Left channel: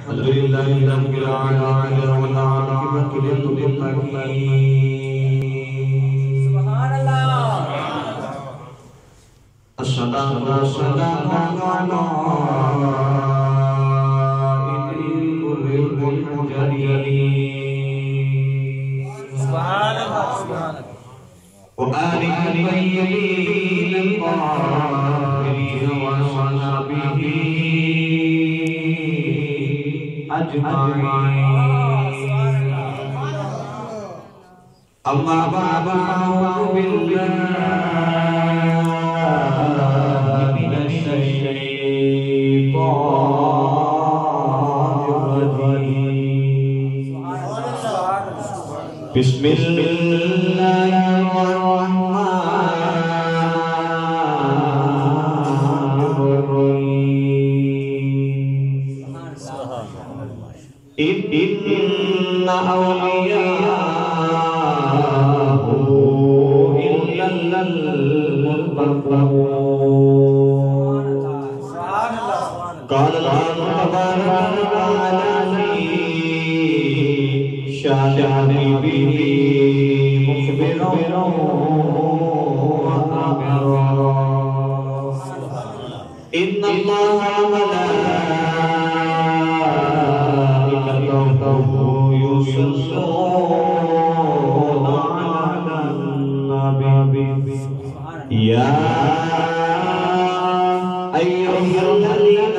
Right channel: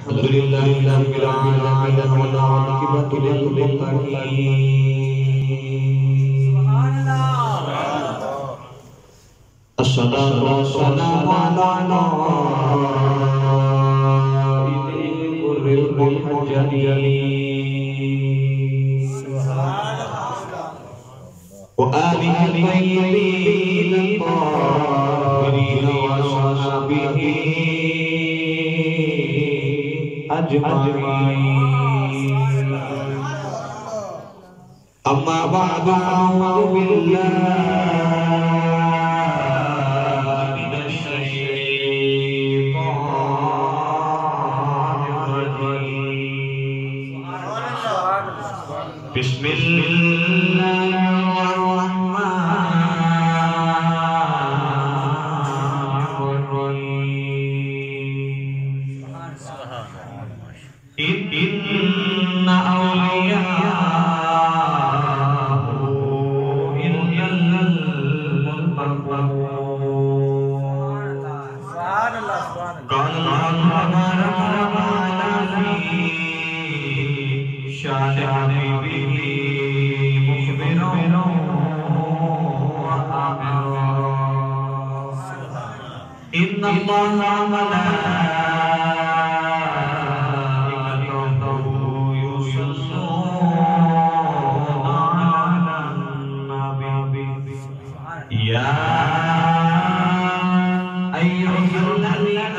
الحمدللہ رب العالمین والعاقبۃ للمتقین سبحان اللہ الصلاۃ والسلام علی قائد المحجلین سبحان اللہ وآلہ الطیبین الطاہرین وصحبہ أجمعين أما بعد فأعوذ بالله من الشيطان الرجيم بسم الله إن أولياءه إلا المتقون قال الله تبارك وتعالى في شأن حبيبه مخبرا وآمرا إن الله يا أيها الذين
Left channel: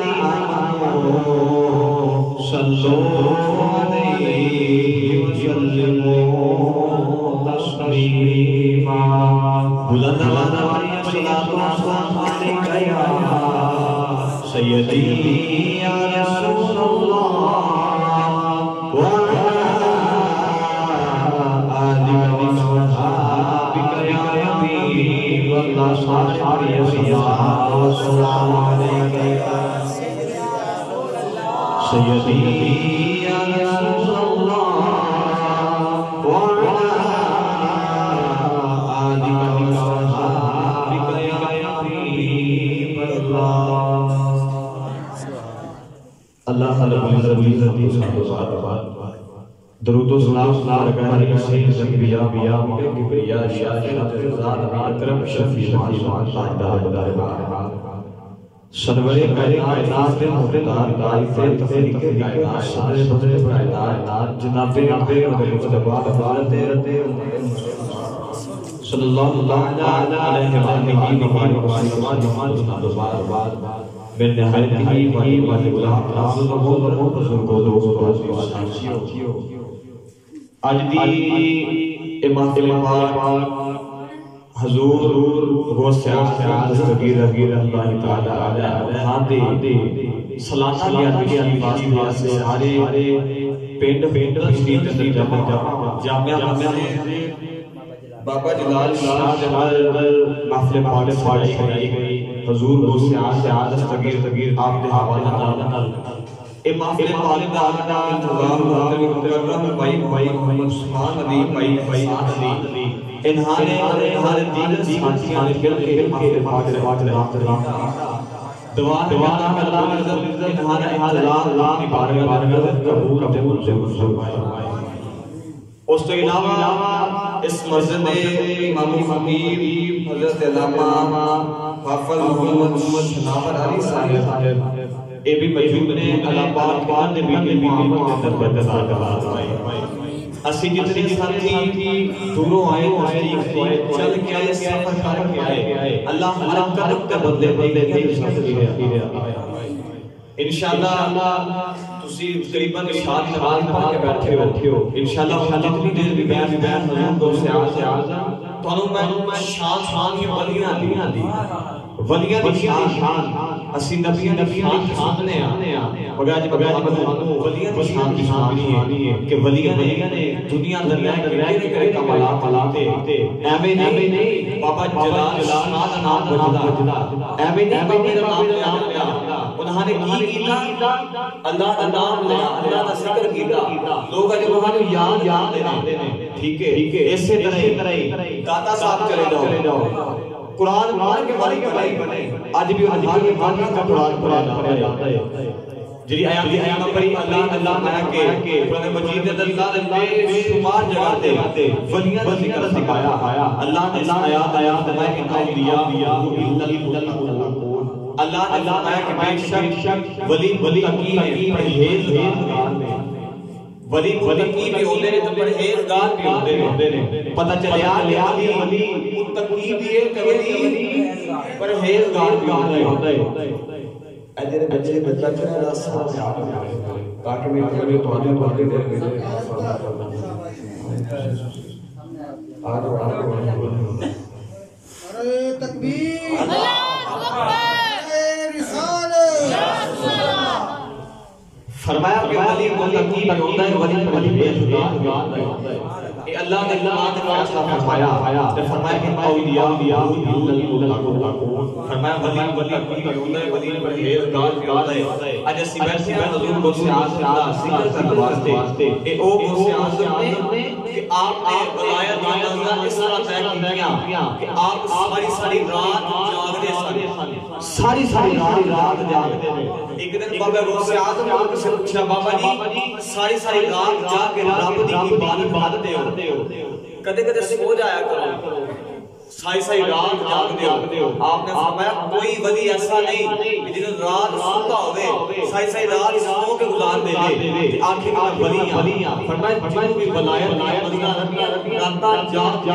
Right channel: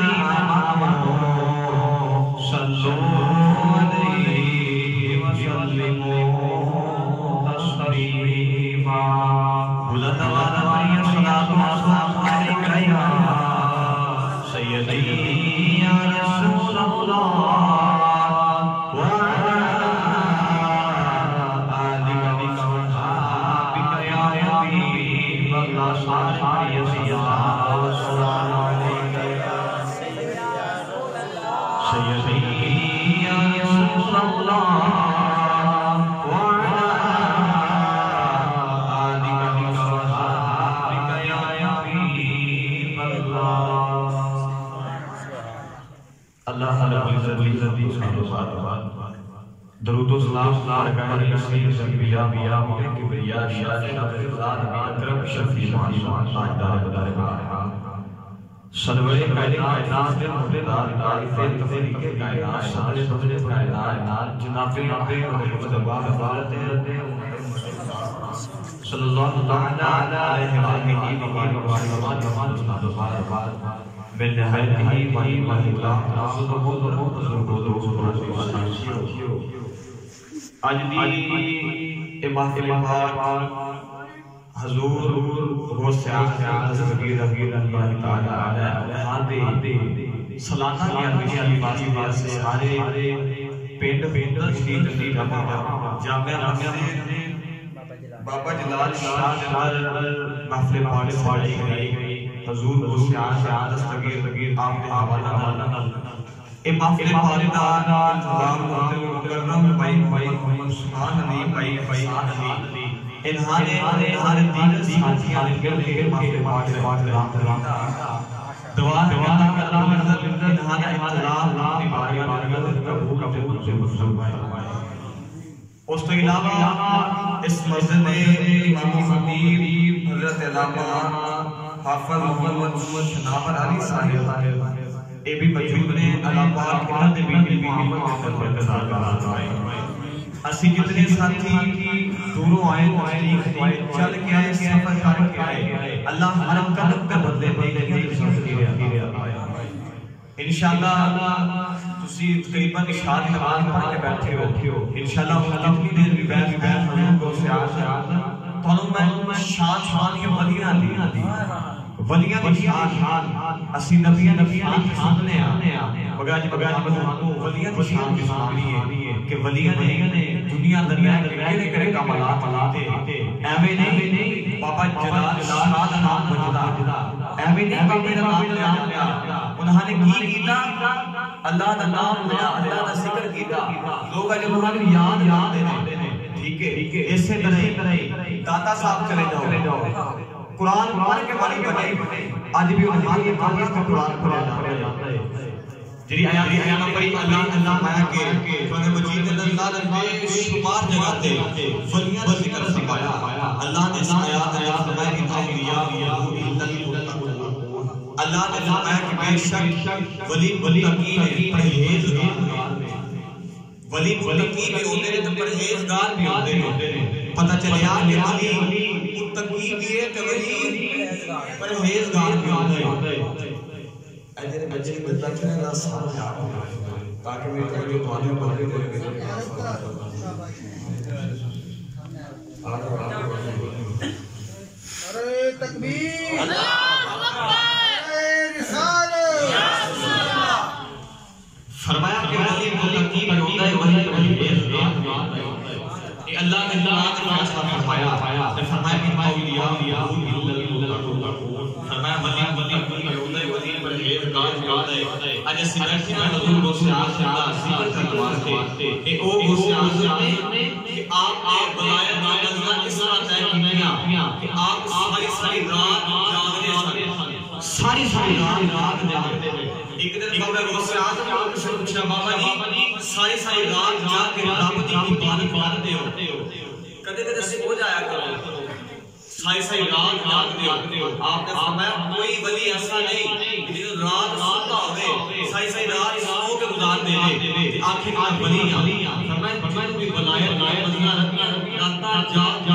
آمنوا صلوا عليه وسلموا تسليما بلند آواز صلاة والسلام عليك يا سيدي يا رسول الله وعلى آلك وصحبك يا حبيب الله والسلام عليك يا سيدي يا رسول الله وعلى آلك وصحبك يا حبيب الله اللہ رب العزت درود و سلام لگائے سید انبیاء کبریا شاہ اکرم شفیع معصوم تاجدار دربار سرور کائنات کے مختار دائفے تفریق کائنات سارے بدر کائنات جناب مصطفیٰ حضرت صلی اللہ علیہ وسلم میں نہایت ہی بڑی اللہ آج دی محفل پاک حضور غوث اعظم دستگیر اللہ تعالی علیہ صلاة علیہ واسطے سارے پینڈ تشریف جامعہ بابا جلال شاہ جلال محفل پاک پڑھائی گئی حضور غوث اعظم دستگیر آپ کے حوالہ اے محفل پاک دا انتظام مکرم بھائی محمد عثمان علی بھائی انہانے دین ساتھیاں نکل کے محفل پاک دعا اللہ انہانے اللہ بارگاہ قبول فرمائے اس تو علاوہ اس مسجد امام خطیب حضرت علامہ حافظ محمد شنابر علی صاحب اے بھی موجود نے اللہ پاک کے نبی محمد کے برکت عطا فرمائے اسی جتنے ساتھی دوروں آئے چل کے آئے سفر کر کے آئے اللہ ہر قلب کا بدلے ایک ساتھی آئے انشاءاللہ تسی تقریباً اشارت نماز پڑھ کے بیٹھے ہو انشاءاللہ جتنی دیر بھی بیان حضور کو سے آزم تو میں شان کی ولیاں دی ولیاں دی شان اسی نبی شان نے بگاج ولیاں دی شان کی سنانی ہے کہ ولیاں نے دنیا دریا کے کمالات لاتے ایویں نہیں بابا جلال شاہ نام بجدا ایویں نہیں بابا نام لیا انہاں نے کی کیتا اللہ دا نام لیا اللہ دا ذکر کیتا لوگ اج انہاں نوں یاد دینے ٹھیک ہے اسی طرح داتا صاحب چلے جاؤ قرآن پڑھ کے والی بنے آج بھی انہاں یہ قرآن پڑھا جاتا ہے جری آیات پڑھی اللہ فرمایا کہ قرآن مجید نے اللہ بے شمار جگہ تے ولیاں کا ذکر سکھایا اللہ نے آیات فرمایا کہ اولیاء اللہ نے فرمایا کہ بے شک ولی متقی ہیں پرہیزگار ہیں ولی متقی بھی ہوتے ہیں تو پرہیزگار بھی ہوتے ہیں پتہ چلیا کہ ولی متقی بھی ہے کہ ولی پرہیزگار بھی ہوتا ہے ایدھے بچے بچہ چنے اللہ ساتھ تاکہ میں توجہ توجہ باتیں دے ارے تکبیر ارے رسالت فرمایا کہ ولی متقی بھی ہوتا ہے ولی پرہیزگار بھی ہوتا ہے اللہ نے نام فرمایا کہ فرمایا کہ اولیاء فرمایا ولی متقی بھی ہوتا ہے ولی پرہیزگار بھی ہوتا ہے اج سیدھا سیدھا حضور کو سیاست ذکر کرنے واسطے اے او سیاست نے کہ آپ نے ولایت کا منزلہ اس طرح طے کیا کہ آپ ساری رات جاگتے ہیں ساری رات جاگتے ہیں ایک دن بابا غوث اعظم نے ان سے پوچھا بابا جی ساری رات جاگ کے رب دی عبادت کرتے ہو کدے سو جایا کرو ساری رات جاگتے ہو آپ نے فرمایا کوئی ولی ایسا نہیں کہ جنہوں رات سوتا ہوئے ساری رات سو کے گزار دے آخر میں ولی ہیں فرمایا جن بھی ولایت راتا جاگ کے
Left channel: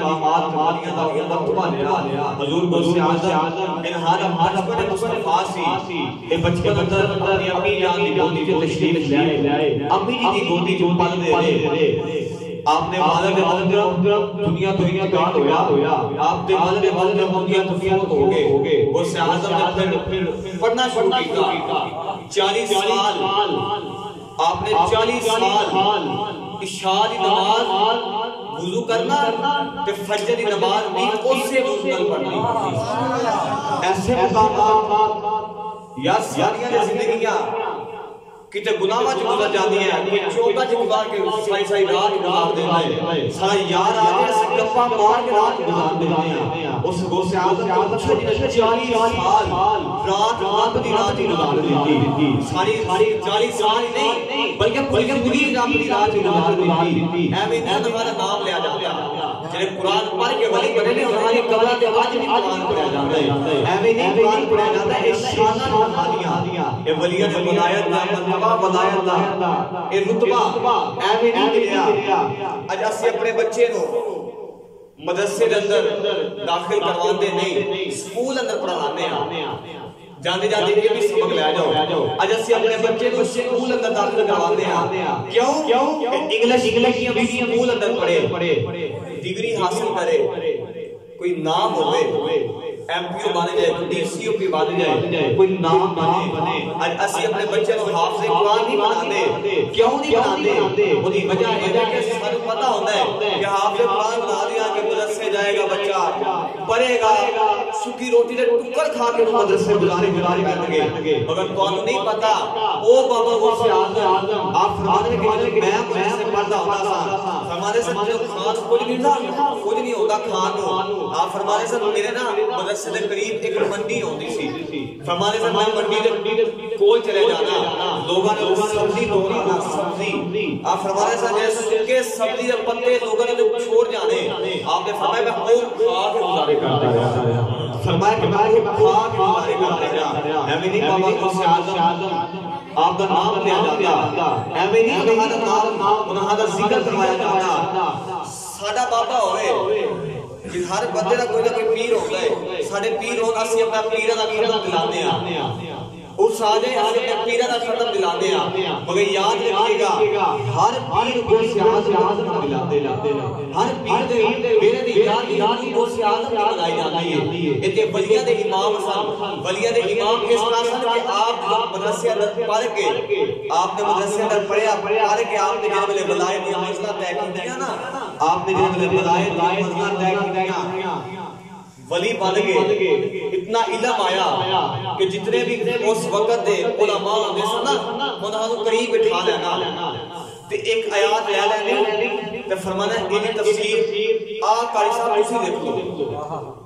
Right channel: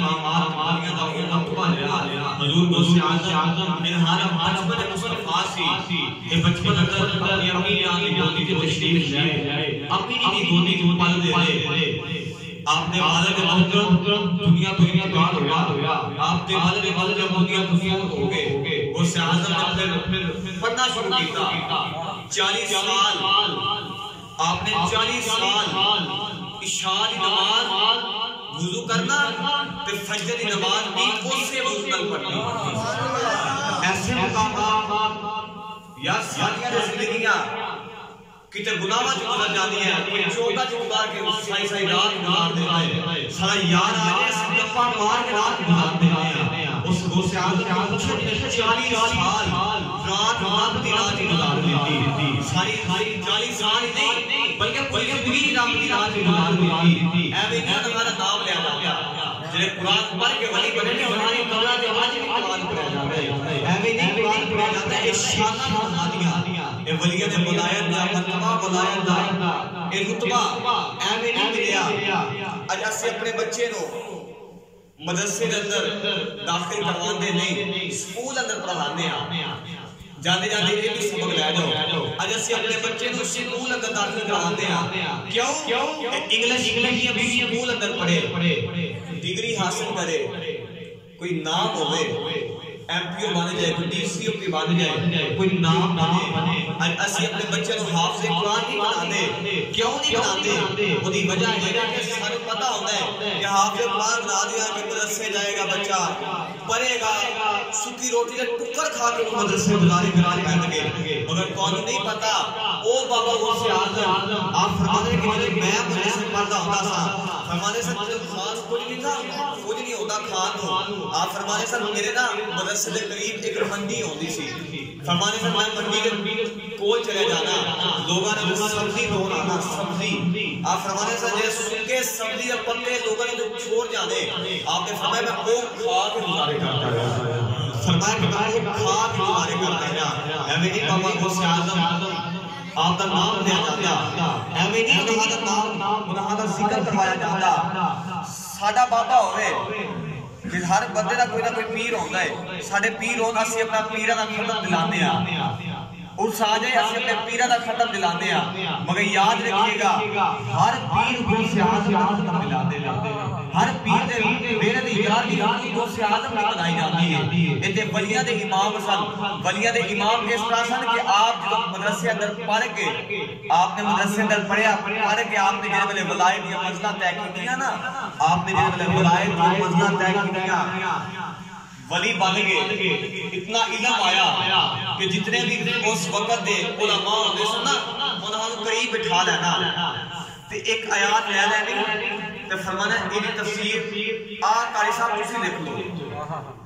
آمات دا مرتبہ لیا حضور غوث اعظم انہارا بچپن مصطفیٰ سی اے بچپن اندر اپنی امی جان کی گودی کو تشریف لائے امی جی کی گودی کو پل دے رہے آپ نے والد دنیا گاڑ ہویا آپ نے والد دنیا ہو گئے غوث اعظم نے پھر پڑھنا شروع کیا 40 سال آپ نے 40 سال عشاء کی نماز وضو کرنا تے فجر کی نماز بھی اسے وضو نال پڑھنی ایسے مقامات یا ساریاں زندگیاں کتے گناہاں چ گزر جاتی ہیں کوئی چوکا چ گزار کے سائی رات گزار دیتا ہے سارا یار آ کے گپا مار کے رات گزار دیتے ہیں اس غوث اعظم چھوٹے 40 سال رات دی رات گزار دیتی ساری 40 سال نہیں بلکہ پوری زندگی رب دی رات گزار دیتی ایویں نہیں تمہارا نام لیا جاتا جڑے قرآن پڑھ کے ولی بنے نے انہاں دی قبراں تے اج بھی قرآن پڑھیا جاندا ہے ایویں نہیں قرآن پڑھیا جاندا اے شاناں محمدیاں اے ولیاں دے ولایت دا مرتبہ ولایت دا اے رتبہ ایویں نہیں ملیا اج اسی اپنے بچے نو مدرسے دے اندر داخل کرواندے نہیں سکول اندر پڑھاندے ہیں جانے یہ بھی سبق لے جاؤ اج اسی اپنے بچے کو سکول اندر داخل کرواندے ہیں کیوں انگلش بھی سکول اندر پڑھے ڈگری حاصل کرے کوئی نام ہوئے ایم پی او بنے جائے کوئی ڈی سی او پی بنے جائے کوئی نام بنے اج اسی اپنے بچے کو حافظ قرآن نہیں بناندے کیوں نہیں بناندے وہ دی وجہ یہ ہے کہ سارے پتہ ہوتا ہے کہ حافظ قرآن بنا دیا کہ مدرسے جائے گا بچہ پڑھے گا سکی روٹی دے ٹکر کھا کے مدرسے گزارے بیٹھ گئے اگر تانوں نہیں پتہ او بابا غوث اعظم آپ فرماتے ہیں کہ میں مدرسے پڑھتا ہوتا تھا فرمانے سے خاص کوئی نہیں تھا کچھ نہیں ہوتا کھان کو آپ فرمانے سے میرے نا مدرسے کے قریب ایک منڈی ہوتی سی فرمانے سے میں منڈی کے کول چلے جانا لوگوں نے سبزی توڑنا سبزی آپ فرمانے سے جیسے سکے سبزی کے پتے لوگوں نے جو چھوڑ جانے آپ نے فرمایا میں وہ کھا کے گزارے کرتا فرمایا کہ میں کھا کے گزارے کرتا میں نہیں بابا غوث اعظم آپ دا نام لیا جاتا ایویں نہیں انہاں دا نام انہاں دا ذکر کروایا جاتا ساڈا بابا ہوئے جس ہر بندے دا کوئی نہ کوئی پیر ہوتا ہے ساڈے پیر ہون اسی اپنا پیراں دا ختم دلانے ہاں اس آ جائے اسی اپنے پیراں دا ختم دلانے ہاں مگر یاد رکھیے گا ہر پیر غوث اعظم دا ختم دلاتے ہیں ہر پیر دے میرے دی یاد غوث اعظم دی بنائی جاتی ہے ایتھے ولیاں دے امام سن ولیاں دے امام اس طرح سن کہ آپ جب مدرسے اندر پڑھ کے آپ نے مدرسے اندر پڑھیا پڑھ کے آپ نے جے ویلے ولایت دی منزلہ طے کیتیاں نا آپ نے جے ویلے ولایت دی منزلہ طے کیتیاں ولی بن گئے اتنا علم آیا کہ جتنے بھی اس وقت دے علماء ہوتے سن نا انہاں نوں قریب بٹھا لینا تے ایک آیات لے لینی تے فرمانا ہے ان تفسیر قاری صاحب کسی دیکھ لو،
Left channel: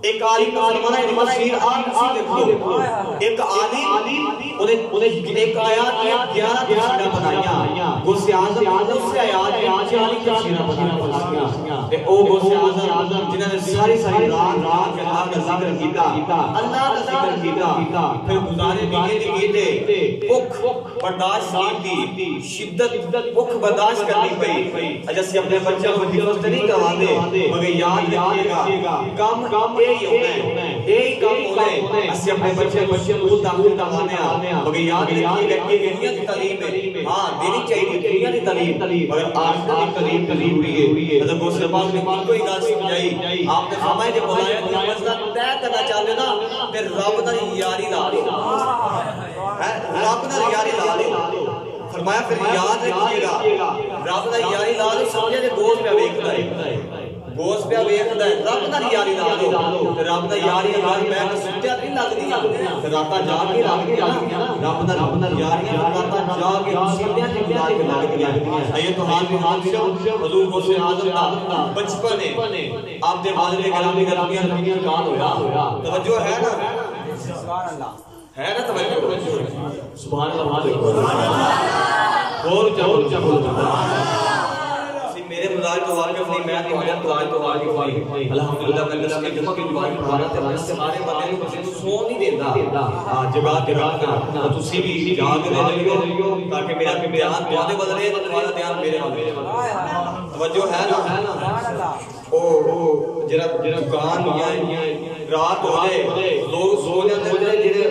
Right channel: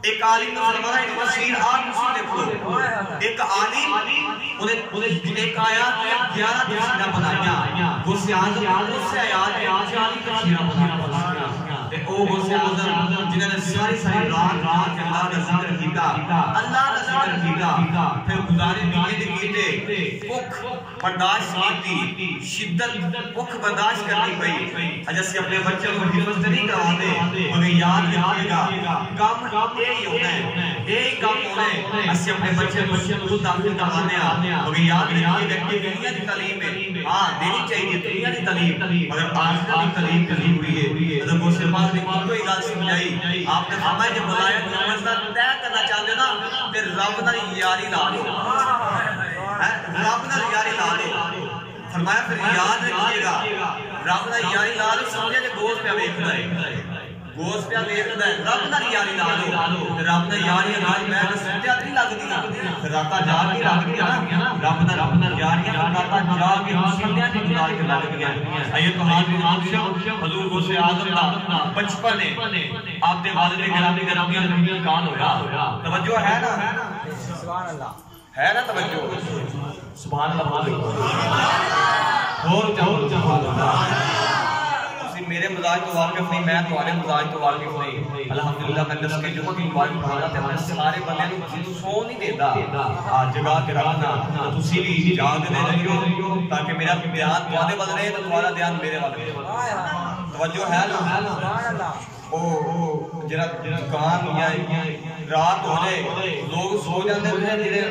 ایک عالم مسلمانہ ابن کثیر کسی دیکھ لو، ایک عالم انہیں ایک آیات میں 11 تفسیریں بنائیاں، غوث اعظم اس سے آیات میں 40 تفسیریں بنائیاں، او غوث اعظم جنہوں نے ساری رات کے اللہ کا ذکر کیتا، اللہ کا ذکر کیتا، پھر گزارے مہینے کے گیتے بھوک برداشت کی، شدت بھوک برداشت کرنی پئی، جیسے اپنے بچے کو حفظ نہیں کروا دے مگر یاد رکھیے گا کم یہی ہونا ہے، یہی کم ہونا ہے، اسے اپنے بچے کو داخل کروانے مگر یاد رکھیے گا کہ دنیا کی تعلیم ہے، ہاں دینی چاہیے دنیا کی تعلیم مگر آخرت کی تعلیم کلی ہوئی ہے۔ حضرت غوث پاک نے ان کو ہی داد سمجھائی، آپ نے فرمایا جب بلایا تو مسئلہ طے کرنا چاہتے نا پھر رب نال یاری لا لو، رب نال یاری لا لو، فرمایا پھر یاد رکھیے گا رب نال یاری لا لو، سمجھے کہ گوشت پہ ویکھدا ہے، گوشت پہ ویکھدا ہے، رب نال یاری لا لو، رب نال یاری اگر میں سمجھیا نہیں لگدی راتا جا کے لگدی نا، رب نال یاریاں راتا جا کے سمجھیا نہیں گزار کے لگدی ہیں۔ ایو تو حال حضور غوث اعظم دا بچپن ہے، آپ دے والد گرامی گرامی انتقال ہویا، توجہ ہے نا، سبحان اللہ ہے نا توجہ، سبحان اللہ، اور چاہو میرے مزاج تو واقف نہیں، میں تو عالم مزاج تو واقف نہیں، الحمدللہ میں دس کے جمعہ کی باری پڑھا رہا تھا، میں سارے بندے کو سو نہیں دیتا، جگہ کے رکھنا، تسی بھی جاگ دے رہیو تاکہ میرا دھیان تواڈے ول رہے تو تواڈا دھیان میرے ول رہے، توجہ ہے نا، او جڑا دکان ہویا رات ہو جائے لوگ سو جاتے ہیں، جڑے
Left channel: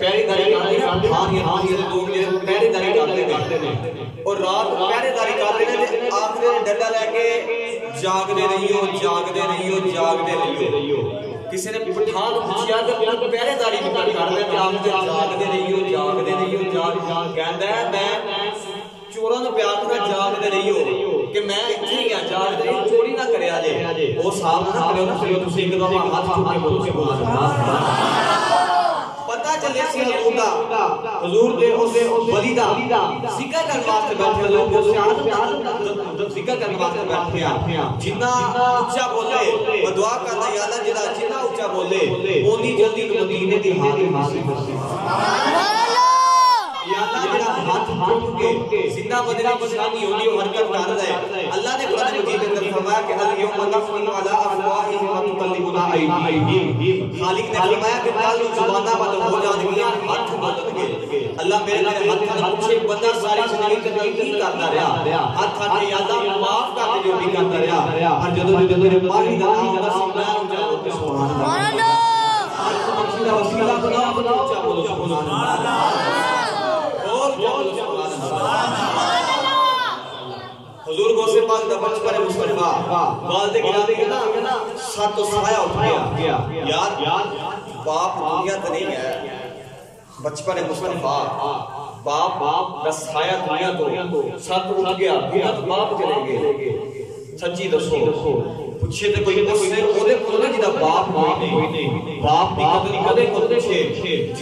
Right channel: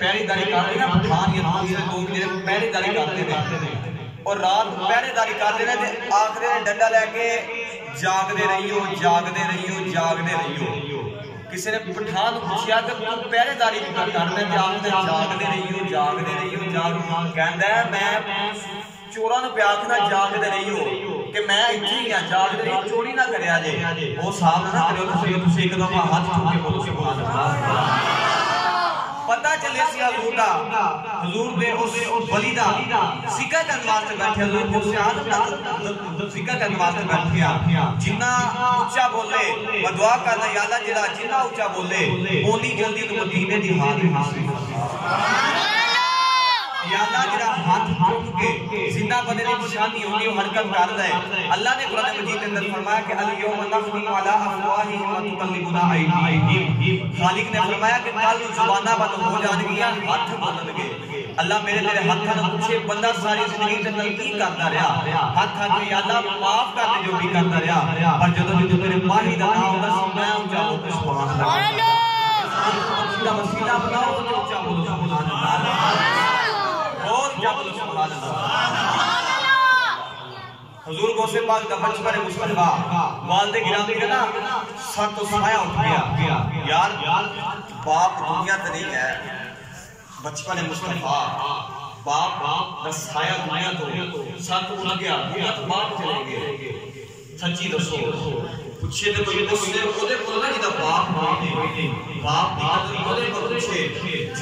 پہری داری کرتے ہیں نا پٹھان یا دوسرے لوگ جڑے پہری داری کرتے ہیں اور رات پہرے داری کرتے ہیں آخری ڈنڈا لے کے جاگدے رہیو جاگدے رہیو جاگدے رہیو، کسی نے پٹھان پوچھیا کہ تو پہرے داری کیوں کر رہے ہیں، جاگدے رہیو جاگدے رہیو کہندا ہے میں چوراں نوں پیاکھنا جاگدے رہیو کہ میں اتھے ہی ہاں جاگدے رہیو چوری نہ کریا جے، او صاحب نہ کرو تسی ایک دفعہ ہاتھ چوک کے بولو سبحان اللہ، پتہ چلے سی حضور دا، حضور دے اس ولی دا ذکر کرن واسطے بیٹھے، حضور کو سیاحت ذکر کرن واسطے بیٹھے جنہ اونچا بولے و دعا کرنا یا اللہ جڑا جنہ اونچا بولے اونی جلدی تو مدینے دی حاضر حاصل یا اللہ جڑا ہاتھ چک کے زندہ بندے کی نشانی ہوگی وہ حرکت کر رہا ہے، اللہ نے قرآن مجید اندر فرمایا کہ الیوم نختم علی افواہہم وتکلمنا ایدیہم، خالق نے فرمایا کہ کل زباناں بند ہو جان گیاں ہاتھ بولن گے، اللہ میرے ہاتھاں نوں پوچھے بندہ ساری زندگی تے کی کردا رہیا، ہاتھ کے یا اللہ معاف کر دے جو بھی کردا رہیا، پر جدوں میرے ماہی دا نام دا میں اونچا بولوں سبحان اللہ، وسیلہ بناؤ تو اونچا بولو سبحان اللہ، حضور غوث پاک دا بچپن مصطفیٰ والد گرامی کا نا سر تو سایہ اٹھ گیا، یار باپ دنیا تے نہیں ہے، بچپن مصطفیٰ باپ دا سایہ دنیا تو سر تو اٹھ گیا، دنیا تو باپ چلے گئے، سچی دسو پوچھے تے کوئی اس نے اودے کول نا جدا باپ نہیں، باپ اودے کول پوچھے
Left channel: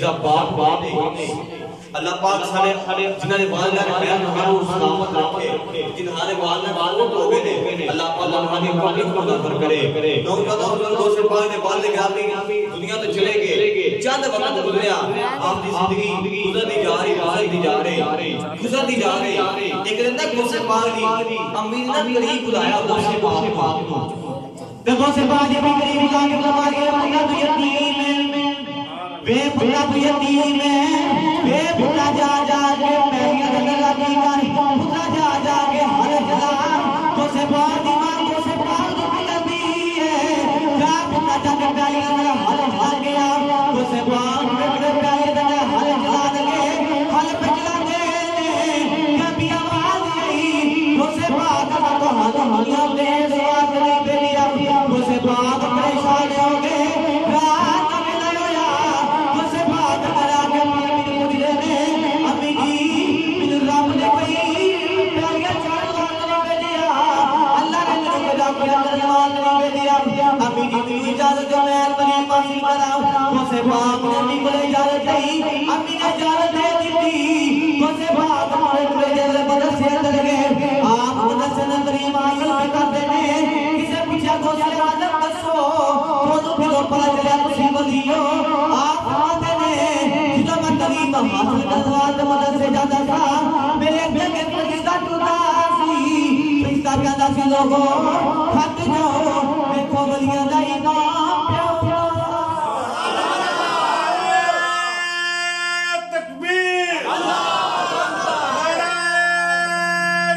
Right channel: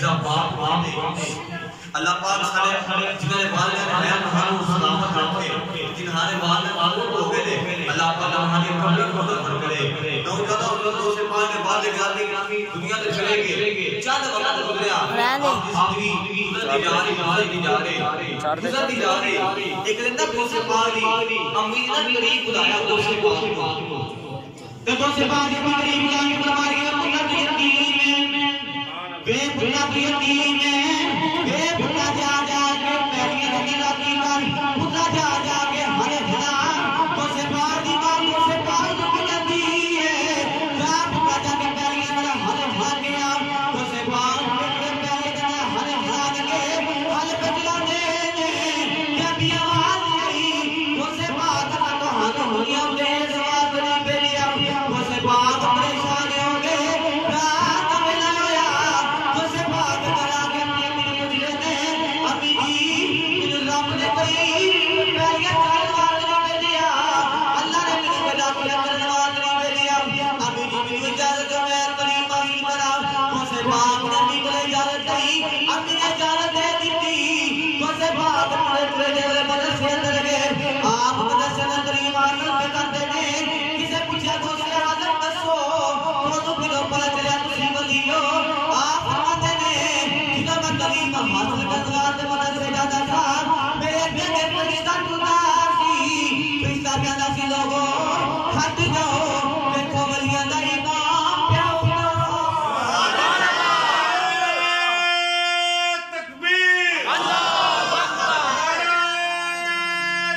جدا باپ نہیں، اللہ پاک سارے جنہاں نے والد بنایا انہاں کو سلامت رکھے، جنہاں نے والد ہو گئے نے اللہ پاک انہاں کی قبر کو نور کرے، نوجوانوں کو سے پاک نے والد گرامی دنیا تے چلے گئے، چند وقت گزریا آپ کی زندگی گزرتی جا رہی ایک دن تک غوث پاک دی امی نے قریب بلایا غوث پاک کو، تے غوث پاک دی قریب جا کے فرمایا پتہ یتیم میں بے پتہ یتیم میں بے پتہ جا جا کے پہلے لگا کی کر پتہ جا جا کے ہر جگہ غوث پاک دی ماں غوث پاک کی لگی ہے، جا پتہ جا کے پہلے لگا ہر جگہ گیا غوث پاک کے پہلے لگا ہر جگہ لگے ہر پچلا دے جب آواز آئی غوث پاک کا کہانیاں بے زوات نہیں پھیلیا، غوث پاک پریشان ہو گئے رات میں ہویا غوث پاک کرا کے جذبات مدد سے جاتا تھا میرے بیٹے فرشتہ ٹوٹا سی فرشتہ کہتا سی لوگوں ہٹ جاؤ دیکھو ولیاں دا ایمان پیا تکبیر اللہ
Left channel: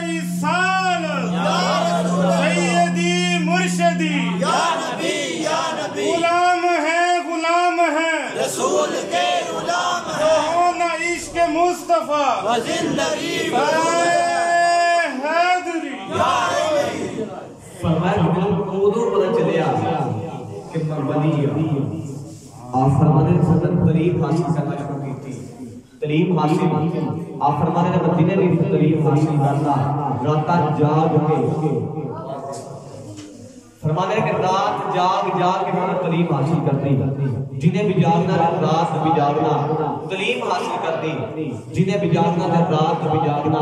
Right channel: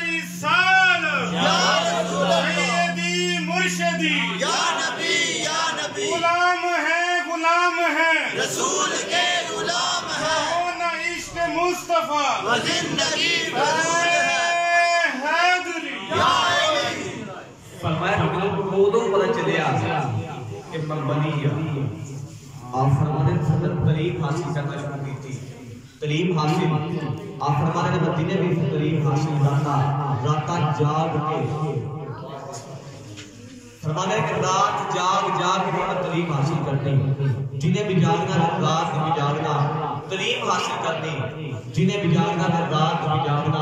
رسالت سیدی مرشدی یا نبی غلام ہے رسول کے غلام ہے ہونا عشق مصطفیٰ زندگی حیدری فرمایا کہ مجھے ادو پتہ چلیا کہ میں ولی ہوں آپ فرمانے نے تعلیم حاصل کرنا شروع کی تھی تعلیم حاصل آپ فرمانے نے مدینے میں تعلیم حاصل کرنا راتا جاگ کے فرمانے کہ رات جاگ کے میں تعلیم حاصل کرنی جنہیں بھی جاگنا رات بھی جاگنا تعلیم حاصل کرنی جنہیں بھی جاگنا رات بھی جاگنا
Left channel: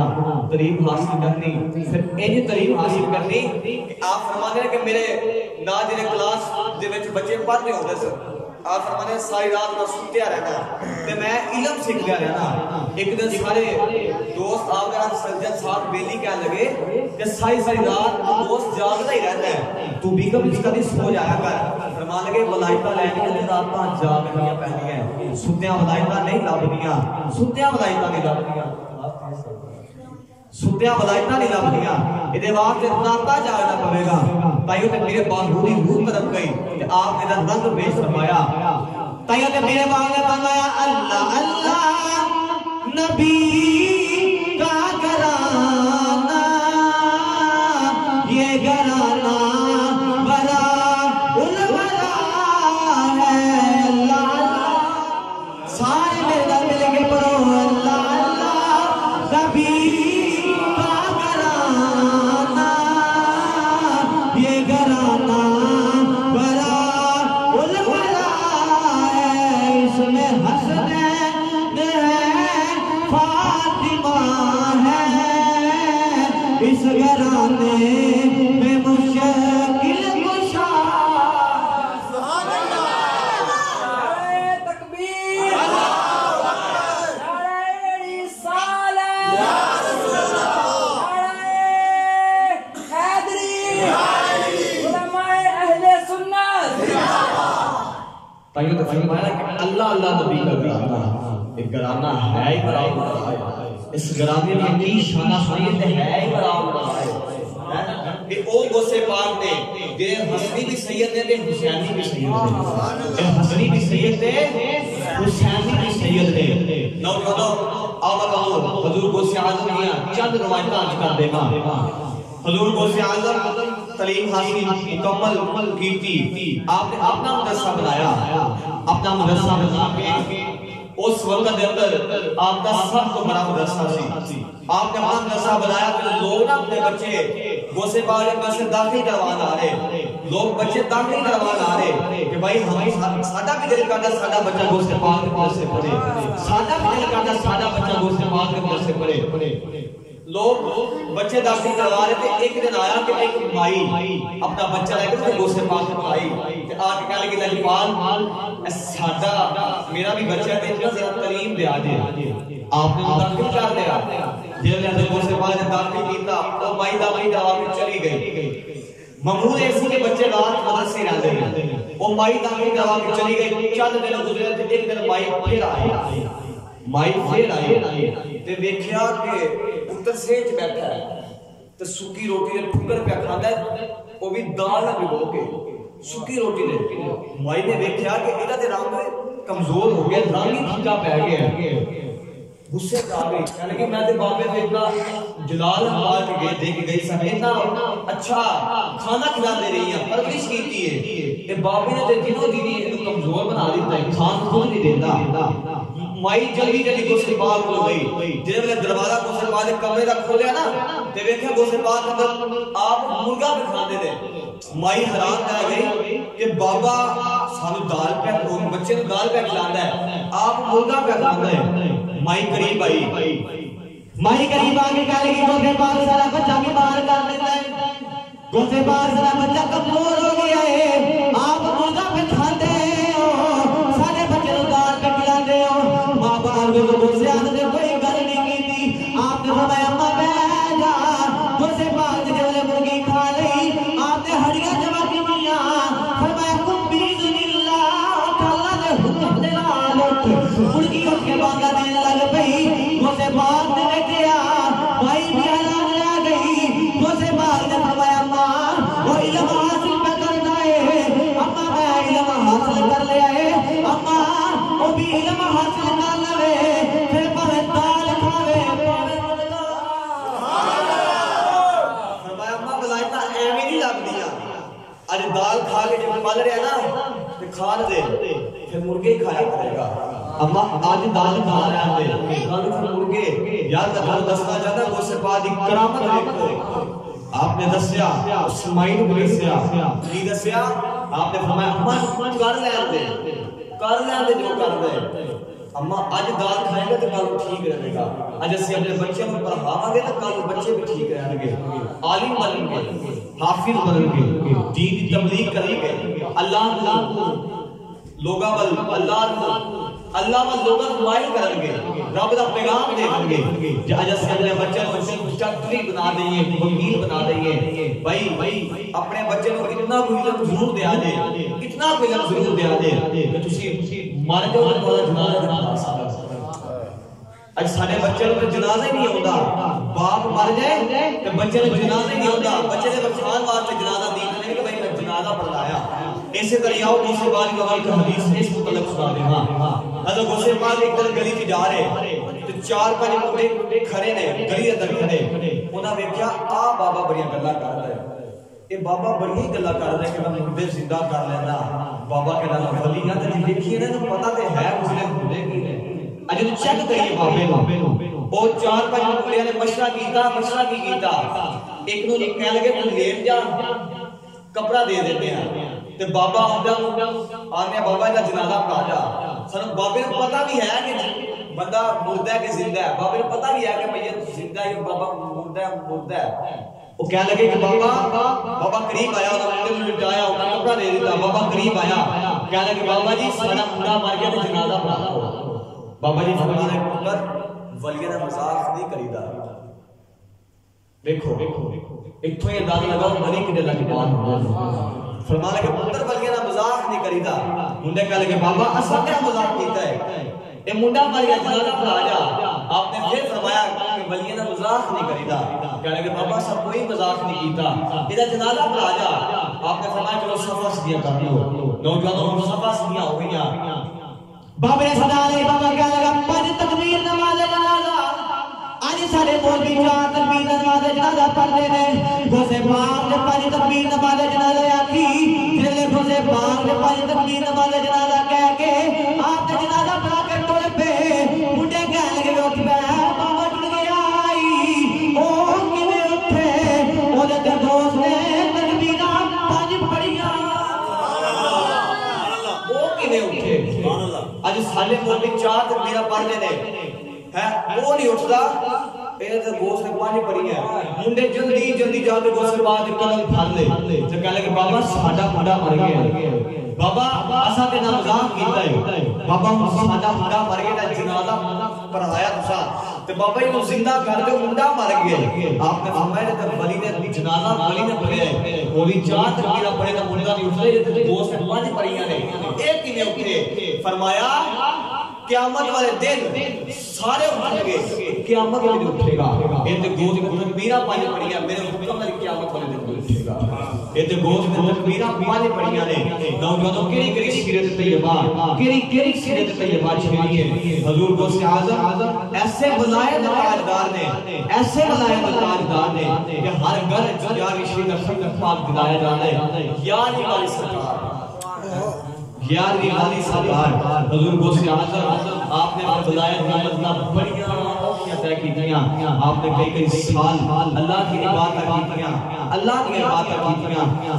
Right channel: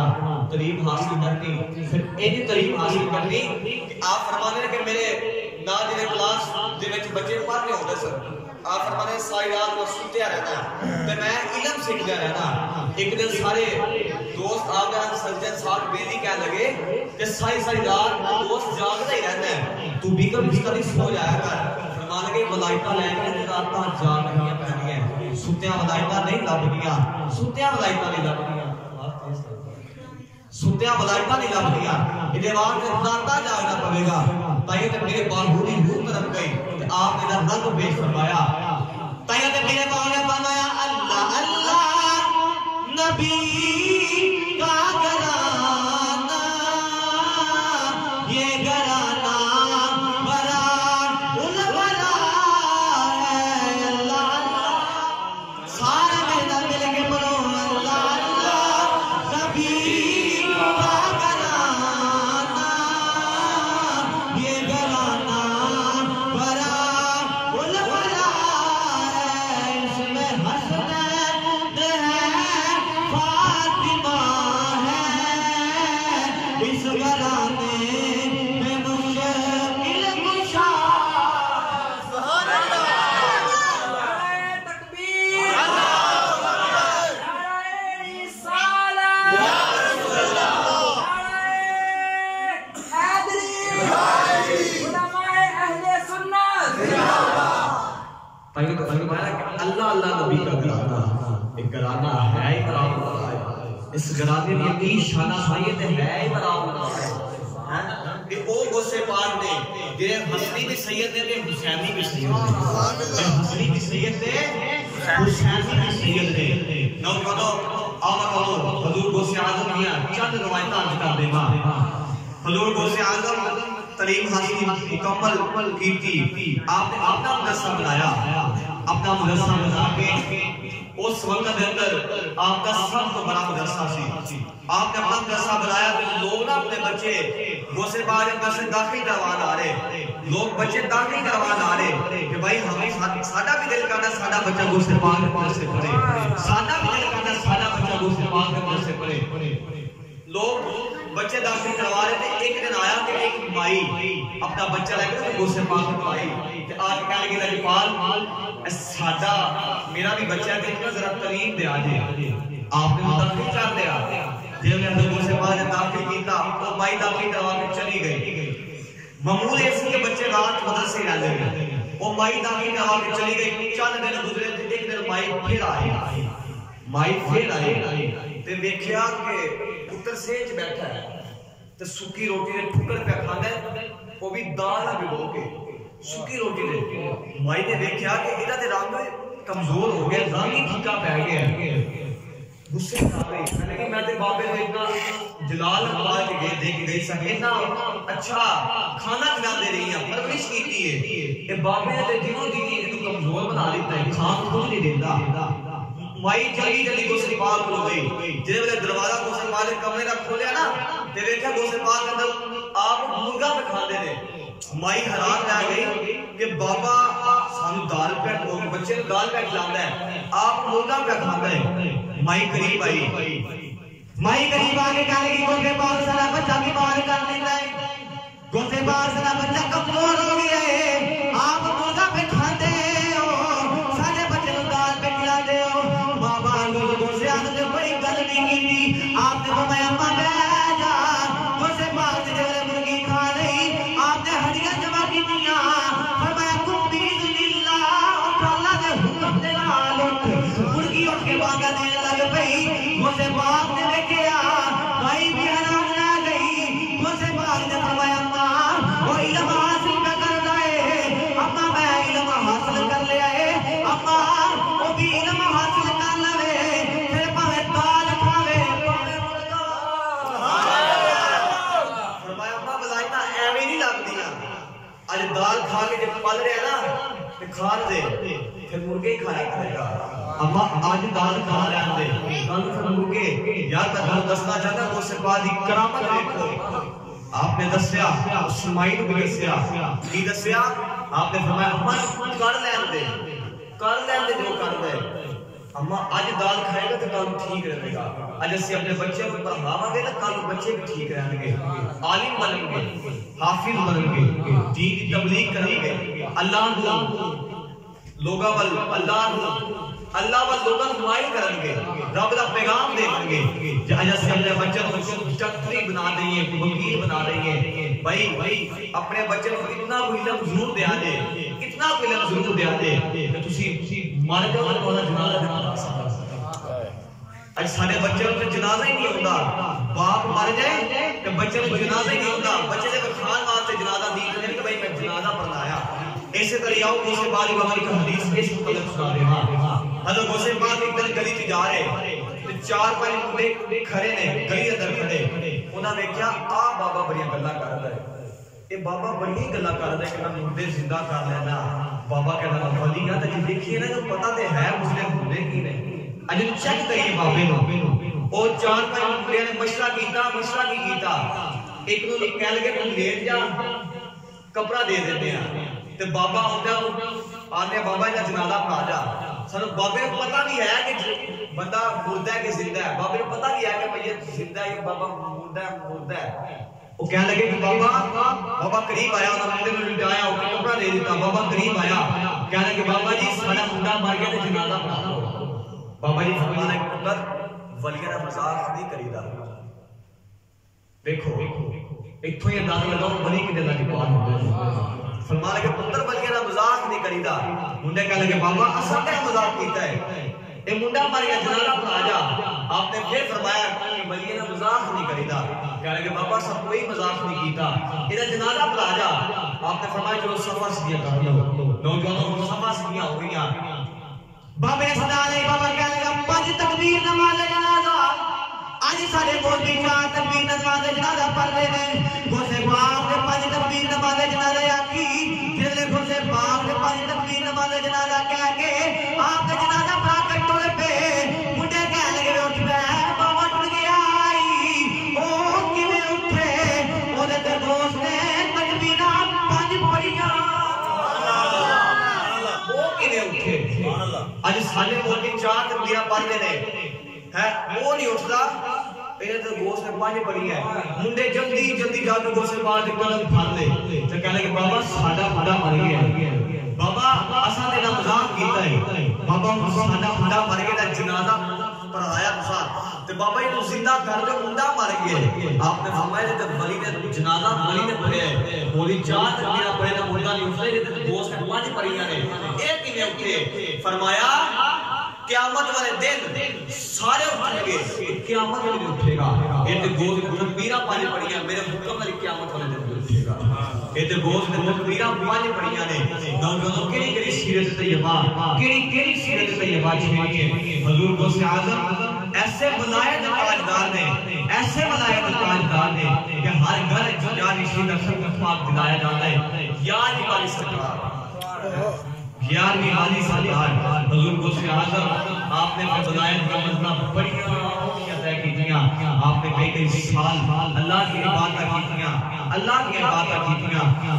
تعلیم حاصل کرنی پھر یہ تعلیم حاصل کرنی کہ آپ فرمانے کہ میرے نا جنہیں کلاس جنہیں بچے پڑھ رہے ہوتے سر آپ فرمانے ساری رات میں سنتے رہنا تے میں علم سیکھتا رہنا ایک دن سارے دوست آپ کا سجن صاحب بیلی کہنے لگے کہ ساری رات دوست جاگتا ہی رہتا ہے تو بھی کبھی سو جایا کر فرمان لگے ولایتہ لینی ہے راتاں جاگنیاں پہنی ہیں ستیاں ولایتہ نہیں لبنیاں ستیاں ولایتہ نہیں لبنیاں ستیاں ولایتہ نہیں لبنیاں ادھے وہاں سے راتاں جاگنا پڑے گا تائیوں تے میرے باغوری روح طرف گئی کہ آپ نے رنگ پیش فرمایا تائیوں تے میرے باغ نے فرمایا اللہ اللہ نبی کا گھرانہ یہ گھرانہ برا الورا ہے اللہ اللہ سارے میرے مل کے پڑھو اللہ اللہ نبی کا گھرانہ یہ گھرانہ برا الورا ہے اس میں حسنین ہے فاطمہ ہے اس گھرانے میں مشکل کشا سبحان اللہ تکبیر اللہ اکبر نعرہ رسالت یا رسول اللہ نعرہ حیدری علماء اہل سنت تائیوں تے فرمایا کہ اللہ اللہ نبی کا گھرانہ ایک گھرانہ ہے ہی برابر اس گھرانے میں کی شانہ سنیت ہے ہی برابر یہ او غوث پاک نے جنہیں حسنی بھی سید نے حسینی بھی سید نے حسنی بھی سید نے حسینی بھی سید نے نوجوانوں آمد حضور غوث اعظم کیا چند روایتیں آج کر دے گا حضور غوث اعظم تعلیم حاصل مکمل کی تھی آپ نے اپنا مدرسہ بنایا اپنا مدرسہ بنا کے اس وقت کے اندر آپ کا سب تو بڑا مدرسہ سی آپ نے اپنا مدرسہ بنایا تو لوگ اپنے بچے غوث پاک میں سے داخل کروان آ رہے لوگ بچے داخل کروان آ رہے کہ بھائی ہمیں سادہ بھی دل کرتا سادہ بچہ غوث پاک میں سے پڑھے سادہ بھی دل کرتا سادہ بچہ غوث پاک میں سے پڑھے لوگ بچے داخل کروا رہے تھے ایک دن آیا کہ ایک مائی اپنا بچہ لے کے غوث پاک میں آئی کہ آج کہنے کے لئے پال سادہ میرا بھی بچہ ہے کہ ذرا تعلیم دے آجے آپ نے داخل کر دیا جب نے غوث پاک نے داخل کیتا وہ مائی داخل کروا کے چلی گئی معمول ایسی کہ بچے رات مدرسے رہتے ہیں وہ مائی داخل کروا کے چلی گئی چند دن گزرے تھے ایک دن مائی پھر آئے تے دیکھیا کہ پتر سیج بیٹھا ہے تے سکی روٹی نے ٹھکر پہ کھانا ہے وہ بھی دال نہ بھگو کے سکی روٹی نے مائی نے دیکھیا کہ ادھا تے رنگ کمزور ہو گیا رنگ ہی پھیکا پہ گیا غصے آ گئی میں کہ میں تے بابے نے اتنا جلال حوال کے گئے دیکھ گئی سا اتنا اچھا کھانا کھلا دے رہی ہیں پرورش کی ہے یہ بابے نے تے جنوں جنی انہوں کمزور بنا دیتا ہے کھان خود نہیں دیتا مائی جلدی جلدی غوث پاک کو گئی جنہیں میں نے دروازہ غوث پاک نے کمرے کا کھولیا نا تے دیکھا غوث پاک کے اندر آپ مرغا پہ کھانے دے مائی حیران رہ گئی کہ بابا سانو دال پہ بچے نے دال پہ کھلانا ہے آپ مرغا پہ کھانا ہے مائی قریب آئی مائی قریب آگے کہنے کی غوث پاک سارا بچہ بیمار کر دیتا ہے غوث پاک سارا بچہ کمزور ہو گیا ہے آپ مرغا پہ کھاتے ہو سارے بچے نے دال پہ کھلاتے ہو ماں باپ کو غوث اعظم نے دین لگ پئی غوث پاک نے دیکھیا بھائی بھی حیران رہ گئی غوث پاک نے فرمایا اماں وہ علم حاصل نہ کرنا ہے اماں میں علم حاصل کر لیا ہے اماں وہ بھی علم حاصل کر لے پھر پاوے دال کھاوے پاوے مرغا فرمایا اماں بلائتا ایویں نہیں لگدیاں اج دال کھا کے جب پل رہے نا تے کھان دے پھر مرغے ہی کھایا کرے گا اماں آج دال کھا رہے ہیں کل پھر مرغے یار میں دسنا چاہتا ہوں اس بعد کی کرامت دیکھو آپ نے دسیا اسماعیل کو دسیا کی دسیا آپ نے فرمایا اماں کر لین دے جو کر دے اماں آج دال کھائے گا تو کل ٹھیک رہے گا آج اسی اپنے بچے کو پڑھاواں گے تو کل بچے بھی ٹھیک رہیں گے عالم بنیں گے حافظ بنیں گے دین کی تبلیغ کریں گے اللہ لوگاں ول اللہ ول لوگاں مائل کریں گے رب دا پیغام دیں گے جہاں سے اپنے بچے کو ڈاکٹری بنا دیں گے وکیل بنا دیں گے بھائی اپنے بچے کو اتنا کوئی علم ضرور دیا دے کتنا کوئی علم ضرور دیا دے کہ تسی مار کے وہ والا جنازہ دکھا سکتا اج سارے بچے کو جنازہ ہی نہیں ہوتا باپ مر جائے کہ بچے کو جنازہ ہی نہیں ہوتا بچے نے خان واسطے جنازہ دی نہیں کہ بھائی میں جنازہ پڑھایا ایسے طرح آؤ غوث پاک کی کا حدیث اس متعلق سنا دے ہاں حضرت غوث پاک ایک دن گلی چ جا رہے تے چار پانچ منڈے کھڑے نے گلی اندر کھڑے انہاں ویکھیا آ بابا بڑی گلاں کردا ہے اے بابا بڑی گلاں کردا ہے کہ میں مردے زندہ کر لینا بابا کہنا ولی نا تے دیکھیے نا جو پتہ تے ہے مسلم ہوندے کی نے اج چیک کریے بابے نو او چار پانچ منڈے نے مشورہ کی کیتا ایک نو کہہ لگے تو لیٹ جا کپڑا دے دیتے ہیں تے بابا آندا آنے بابا دا جنازہ پڑھا جا سانو بابے کو پتہ نہیں ہے کہ بندہ مردہ ہے کہ زندہ ہے بابے کو پتہ نہیں ہے کہ بھئی زندہ ہے بابا مردہ ہے وہ کہنے لگے کہ بابا قریب آیا انہوں نے منڈے لٹایا انہوں نے کپڑا دے دیتا بابا قریب آیا کہنے لگے بابا جی ساڑا منڈا مار گیا تے جنازہ پڑھا دو بابا جی فرمانا ہے پتر ولیہ نے مذاق نہیں کریدا دیکھو ایک تو یہ انداز لگاؤ بڑی کی دلہ کی بات ہوتے فرمانا کہ پتر ولیہ نے مذاق نہیں کریدا منڈے کہنے لگے بابا اصل کیا مذاق کیتا ہے اے منڈا مار گیا جنازہ پڑھا جا آپ نے پھر فرمایا کہ ولیہ نے مذاق نہیں کریدا کہنے لگے بابا سب کوئی مذاق نہیں کیتا ادھا جنازہ پڑھا جا آپ نے فرمایا چلو صفحہ سیدھیاں کر لو نوجوانوں صفحہ سیدھیاں ہو گئیاں بابا نے صدا علیہ بابا کہنے لگا پانچ تکبیر نماز جنازہ آج سارے مولوی چار تکبیر نماز جنازہ پڑھ رہے ہیں غوث پاک نے پانچ تکبیر نماز جنازہ آکی جنہوں نے غوث پاک نے پانچ تکبیر نماز جنازہ کہہ کے آپ نے جنازہ پڑھا کر ٹوڑے پہ منڈے کہنے لگے میں اٹھ پہ بابا ٹوڑ گیا آئی او کیویں اٹھے وہ دے غوث نے تکبیرہ پانچ پڑھیاں وہ کیویں اٹھے آج سارے مولوی چار تکبیرہ پڑھ رہے ہیں وہ نہیں اٹھتا انہیں تو گوشت نے پانی پڑی ہے منڈے جلدی جا کے گوشت پاک کے قدم پھڑ لے تو کہنے لگے بابا ساڈا منڈا مر گیا بابا اساں تے نہ مذاق کیتا ہے بابا ساڈا منڈا مر گیا تے جنازہ پڑھایا تساں تے بابا یہ زندہ کر کے منڈا مر گیا آپ نے فرمایا تے ولی نے جنازہ ولی نے پڑھیا ہے ولی چار تکبیرہ پڑھے تے منڈا نہیں اٹھے تے گوشت نے پانی پڑیاں نے اے کیویں اٹھے فرمایا قیامت والے دن سارے اٹھیں گے قیامت والے دن اٹھے گا یہ تے گوشت نے تکبیرہ پانچ پڑھیاں میرے حکم والی قیامت والے دن اٹھے گا یہ تے گوشت نے تکبیرہ پانچ پڑھیاں نے نوجوانوں کیڑی سیرت طیبہ کیڑی سیرت طیبہ چھڑی ہے حضور غوث اعظم ایسے ولایت تاجدار نے ایسے ولایت تاجدار نے کہ ہر گھر یا رشید رسول پاک دلایا جانا ہے یار والی سرکار گیارہویں والی سرکار حضور غوث اعظم آپ نے ولایت کا مطلب بڑی طے کیتیاں آپ نے کئی سال اللہ کی عبادت کیتیاں اللہ کی عبادت کیتیاں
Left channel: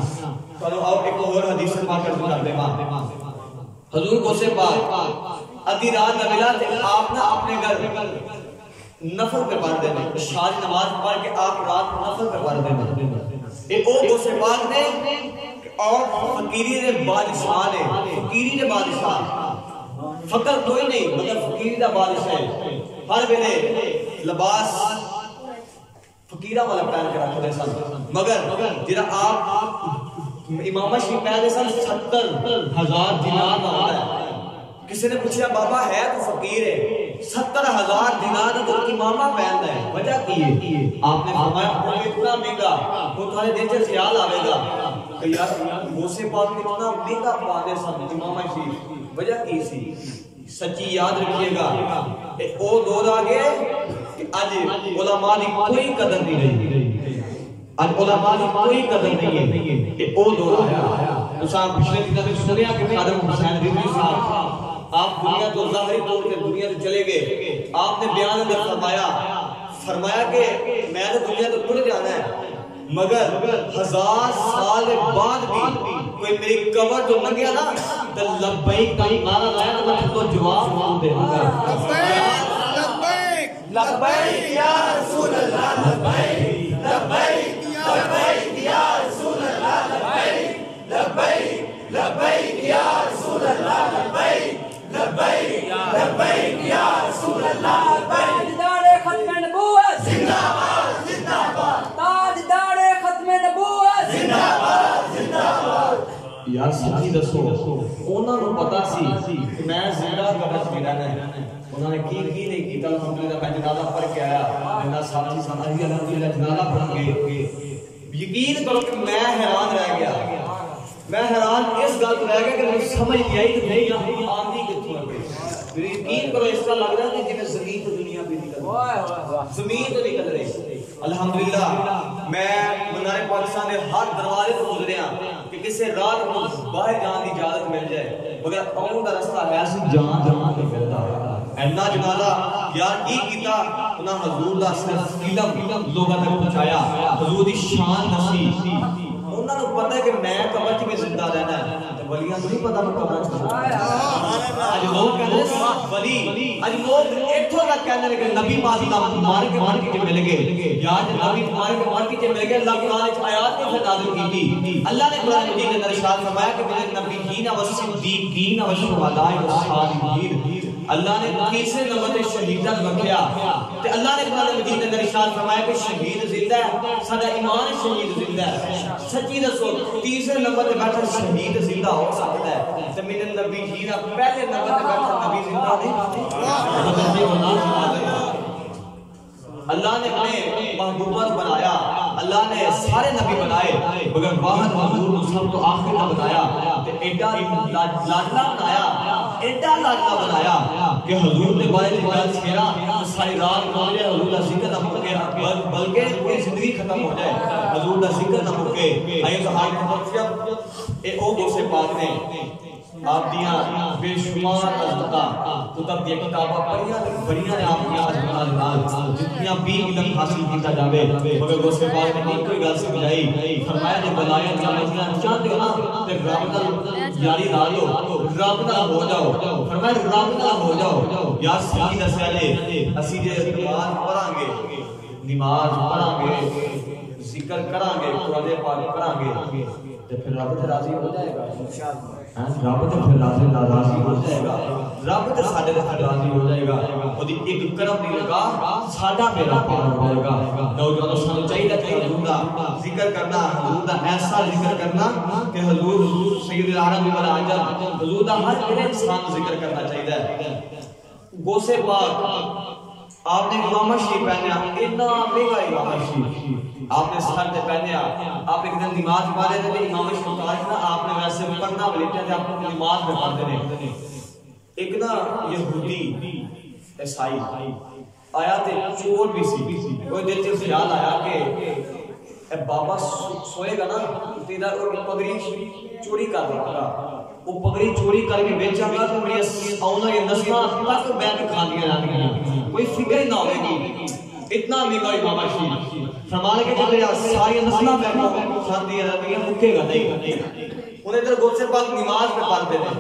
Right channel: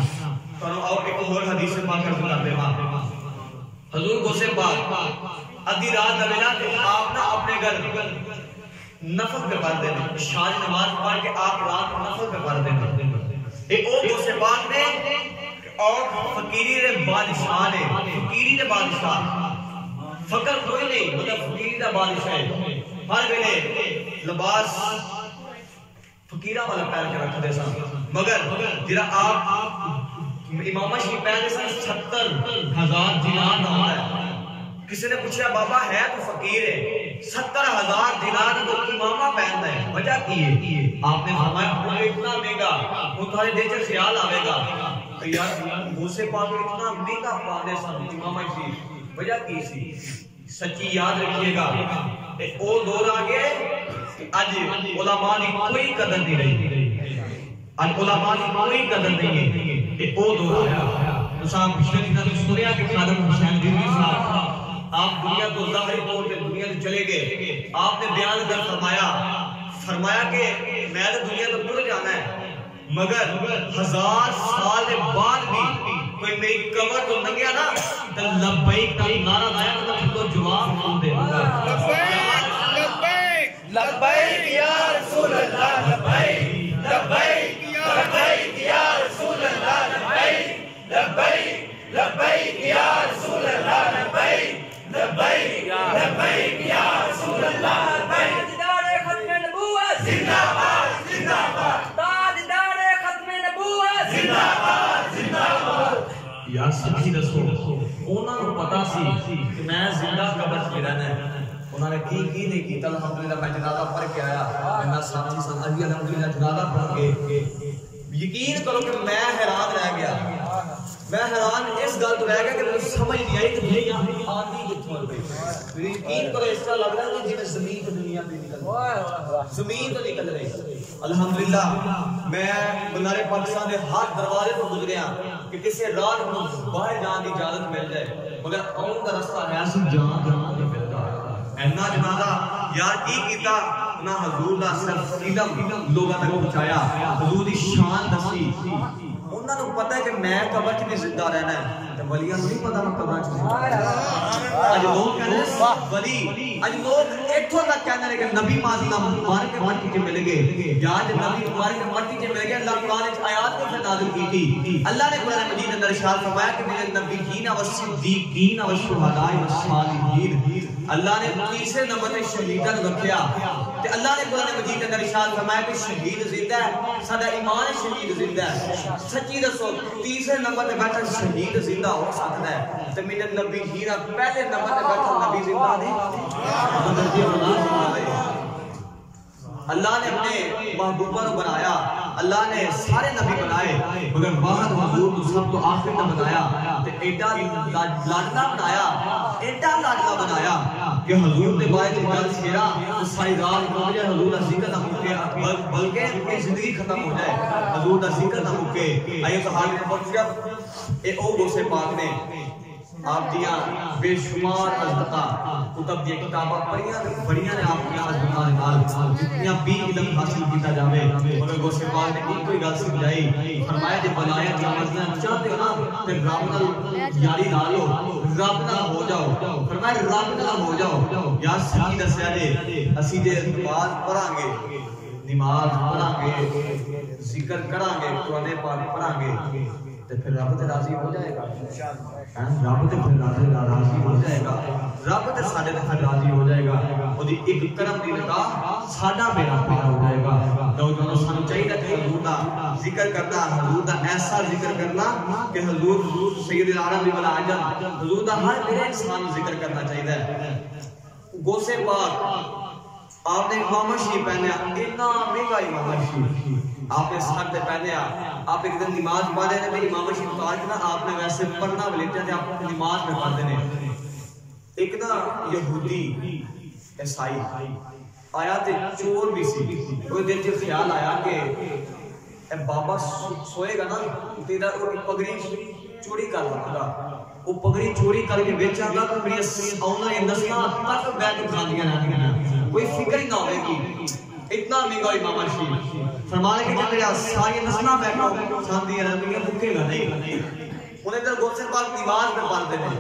کرو اور ایک اور حدیث پاک کر دے حضور غوث پاک ادھی رات کا ویلا کہ آپ نہ اپنے گھر نفل پہ پڑھ دینا شادی نماز پڑھ کے آپ رات نفل پہ پڑھ دینا ایک اور غوث پاک نے اور فقیری نے بادشاہ نے فقیری نے بادشاہ فقر کوئی نہیں مطلب فقیری دا بادشاہ ہے ہر ویلے لباس فقیرہ والا پہن کے رکھ دے سن مگر جرا آپ امام شریف پہن دے سن 70,000 دینار دا ہوتا ہے کسی نے پوچھا بابا ہے تو فقیر ہے 70,000 دینار کا امامہ پہنتا ہے. وجہ کی ہے؟ آپ نے فرمایا وہ اتنا مہنگا وہ تمہارے دل سے خیال آئے گا کہ یار غوث پاک اتنا مہنگا پانے سب امامہ شریف. وجہ کی سی سچی یاد رکھیے گا او دور آگے آج علماء کی کوئی قدر نہیں رہی. آج علماء کی کوئی قدر نہیں ہے. او دور آیا اساں پچھلے دنوں میں سنیا کہ خادم حسین رضوی صاحب آپ دنیا کو ظاہری طور پہ دنیا سے چلے گئے. آپ نے بیان میں فرمایا کہ میں نے دنیا کو ٹر جانا ہے مگر 1000 سال بعد بھی کوئی میری قبر تو نہ گیا نا تو لبیک کا نعرہ لایا تو میں تو جواب دے دوں گا. لبیک لبیک یا رسول اللہ لبیک لبیک یا رسول اللہ لبیک لبیک لبیک یا رسول اللہ لبیک لبیک لبیک یا رسول اللہ لبیک. تاجدار ختم نبوت زندہ باد زندہ باد. تاجدار ختم نبوت زندہ باد زندہ باد. یار سچی دسو انہاں نوں پتہ سی کہ میں زندہ قبر وچ رہنا ہے. انہوں نے کی نہیں کیتا. الحمدللہ میں جنازہ پڑھ کے آیا. میرا ساتھی سنائی الحمدللہ جنازہ پڑھ کے یقین کرو کہ میں حیران رہ گیا. میں حیران اس گل تو رہ گیا کہ مجھے سمجھ نہیں آئی کہ میں یہاں آندھی کتوں ہے. یقین کرو اس طرح لگ رہا ہے کہ جی زمین تو دنیا پہ نکل رہی زمین تو نکل رہی. الحمدللہ میں منارے پاکستان کے ہر دروازے پر گزریا کہ کسی رات کو باہر جان کی اجازت مل جائے مگر آؤں کا رستہ ہے سی جان کے ملتا ہے. اینا جنازہ یار کی کیتا انہاں حضور دا صرف علم لوگاں تک پہنچایا. حضور دی شان دسی. انہاں نوں پتہ ہے کہ میں قبر وچ بھی زندہ رہنا ہے تے ولیاں نوں نہیں پتہ میں قبر وچ زندہ رہنا. اج لوگ کہندے ولی اج لوگ ایتھوں تک کہندے نے کہ نبی پاک مار کے مٹی تے مل گئے. یار نبی مار کے مٹی تے مل گئے. اللہ قرآن وچ آیات کو نازل کی. اللہ نے قرآن مجید کے اندر ارشاد فرمایا کہ میرے نبیین و صدیقین و شہداء و صالحین. اللہ نے تیسرے نمبر تے شہیداں رکھیا تے اللہ نے قرآن مجید کے اندر ارشاد فرمایا کہ شہید زندہ ہے. ساڈا ایمان شہید زندہ ہے. سچی دسو تیسرے نمبر تے بیٹھا شہید زندہ ہو سکتا ہے تے میرے نبی جی نا پہلے نمبر تے بیٹھا نبی زندہ نہیں. اللہ نے اپنے محبوبہ کو بنایا. اللہ نے سارے نبی بنائے مگر واحد حضور کو سب تو آخر کا بنایا تے ایڈا لاڈلا بنایا. ایڈا لاڈلا بنایا کہ حضور نے بارے میں گل چھیڑا تو ساری رات ہو جائے حضور کا ذکر نہ مکے بلکہ زندگی ختم ہو جائے حضور کا ذکر نہ مکے. آئیے تو حال میں پہنچیا اے او غوث پاک نے آپ دیاں بے شمار ازدقاء کتب دیا کتابہ پڑھیاں نے آپ دیا ازدقاء جتنیاں بھی علم حاصل کیتا جاوے مگر غوث پاک نے کوئی گل سمجھائی. فرمایا جب بلائیں جامعہ چاہتے ہو نا تو رب نال یاری لا لو رب نال ہو جاؤ. فرمایا رب نال ہو جاؤ. یا سچی دسیا جے اسی جے نماز پڑھاں گے ذکر کران گے قرآن پاک پڑھاں گے تے پھر رب تے راضی ہو جائے گا. رب تے پھر راضی ہو جائے گا. رب تے ساڈے تے راضی ہو جائے گا. اودی ایک کرم دی نگاہ ساڈا بیڑا پار ہو جائے گا. نوجوانوں سانو چاہیے کہ حضور دا ذکر کرنا حضور دا ایسا ذکر کرنا کہ حضور سید العالم والعجم حضور دا ہر میرے انسان ذکر کرنا چاہیے. غوث پاک آپ نے امامہ شریف پہنیا اتنا مہنگا امامہ شریف آپ نے سر تے پہنیا. آپ ایک دن نماز پڑھ رہے تھے امامہ شریف تو آج نا آپ نے ویسے پڑھنا ولیٹا تھے آپ نماز میں پڑھتے نے. ایک نا یہودی عیسائی آیا تے چور بھی سی. وہ دل سے خیال آیا کہ اے بابا سوئے گا نا تیرا پگڑی چوری کر دوں گا. وہ پگڑی چوری کر کے بیچا گا تو میری آؤنا یہ نسلہ تک بیٹھ کے کھا دیا رہتی ہیں کوئی فکر ہی نہ ہوئے گی. اتنا مہنگا امامہ شریف فرمانے کے چلے ساری نسلہ بیٹھ کے کھان دیا رہتی ہیں مکے گا نہیں. انہیں در غوث پاک نماز میں پڑھتے ہیں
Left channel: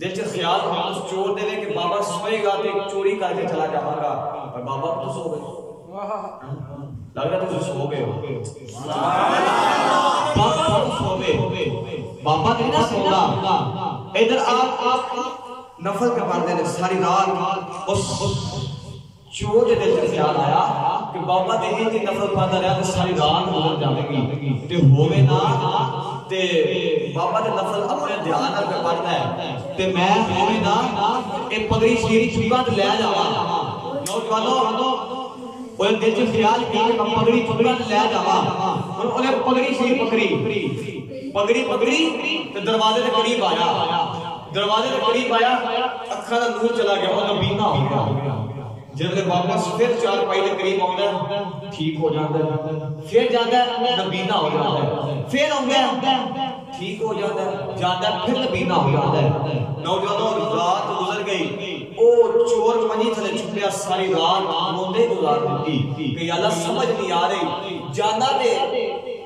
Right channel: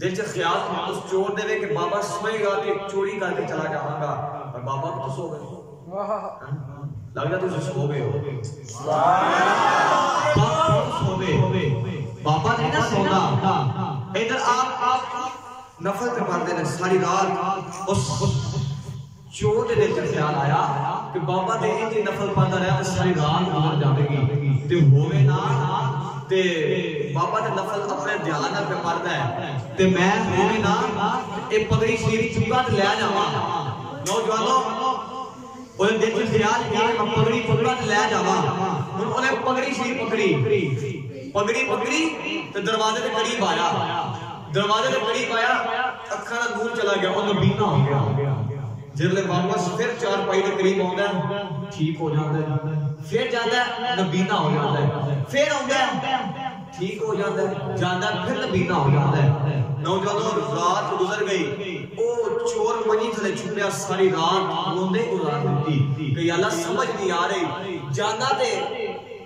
دل سے خیال اس چور دے کہ بابا سوئے گا تو چوری کر کے چلا جاؤں گا اور بابا تو سو گئے. لگ رہا تو سو گئے ہو بابا نہیں نہ سونا. ادھر آپ نفل پہ پڑھتے ہیں ساری رات. اس چور دے دل سے خیال آیا کہ بابا دیکھیں کہ نفل پڑھتا رہا تو ساری رات گزر جاوے گی تو ہوئے نا تے بابا دے نفل اپنے دھیان نال پہ پڑھدا ہے تے میں ہوویں نا اے پگڑی شریف چکا تے لے جاواں نوجوانوں اوے دل وچ خیال کیا میں پگڑی چکا تے لے جاواں اونے پگڑی شریف پگڑی تے دروازے دے قریب آیا اکھاں دا نور چلا گیا او نبینا ہو گیا جب لے واپس پھر چار پائی دے قریب آوندا ہے ٹھیک ہو جاندا ہے پھر جاندا ہے نبینا ہو جاندا ہے پھر آوندا ہے ٹھیک ہو جاندا ہے جاندا ہے پھر نبینا ہو جاندا ہے نوجوانوں رات گزر گئی او چور منی تھلے چھپیا ساری رات روندے گزار دتی کہ یا اللہ سمجھ نہیں آ رہی جاندا تے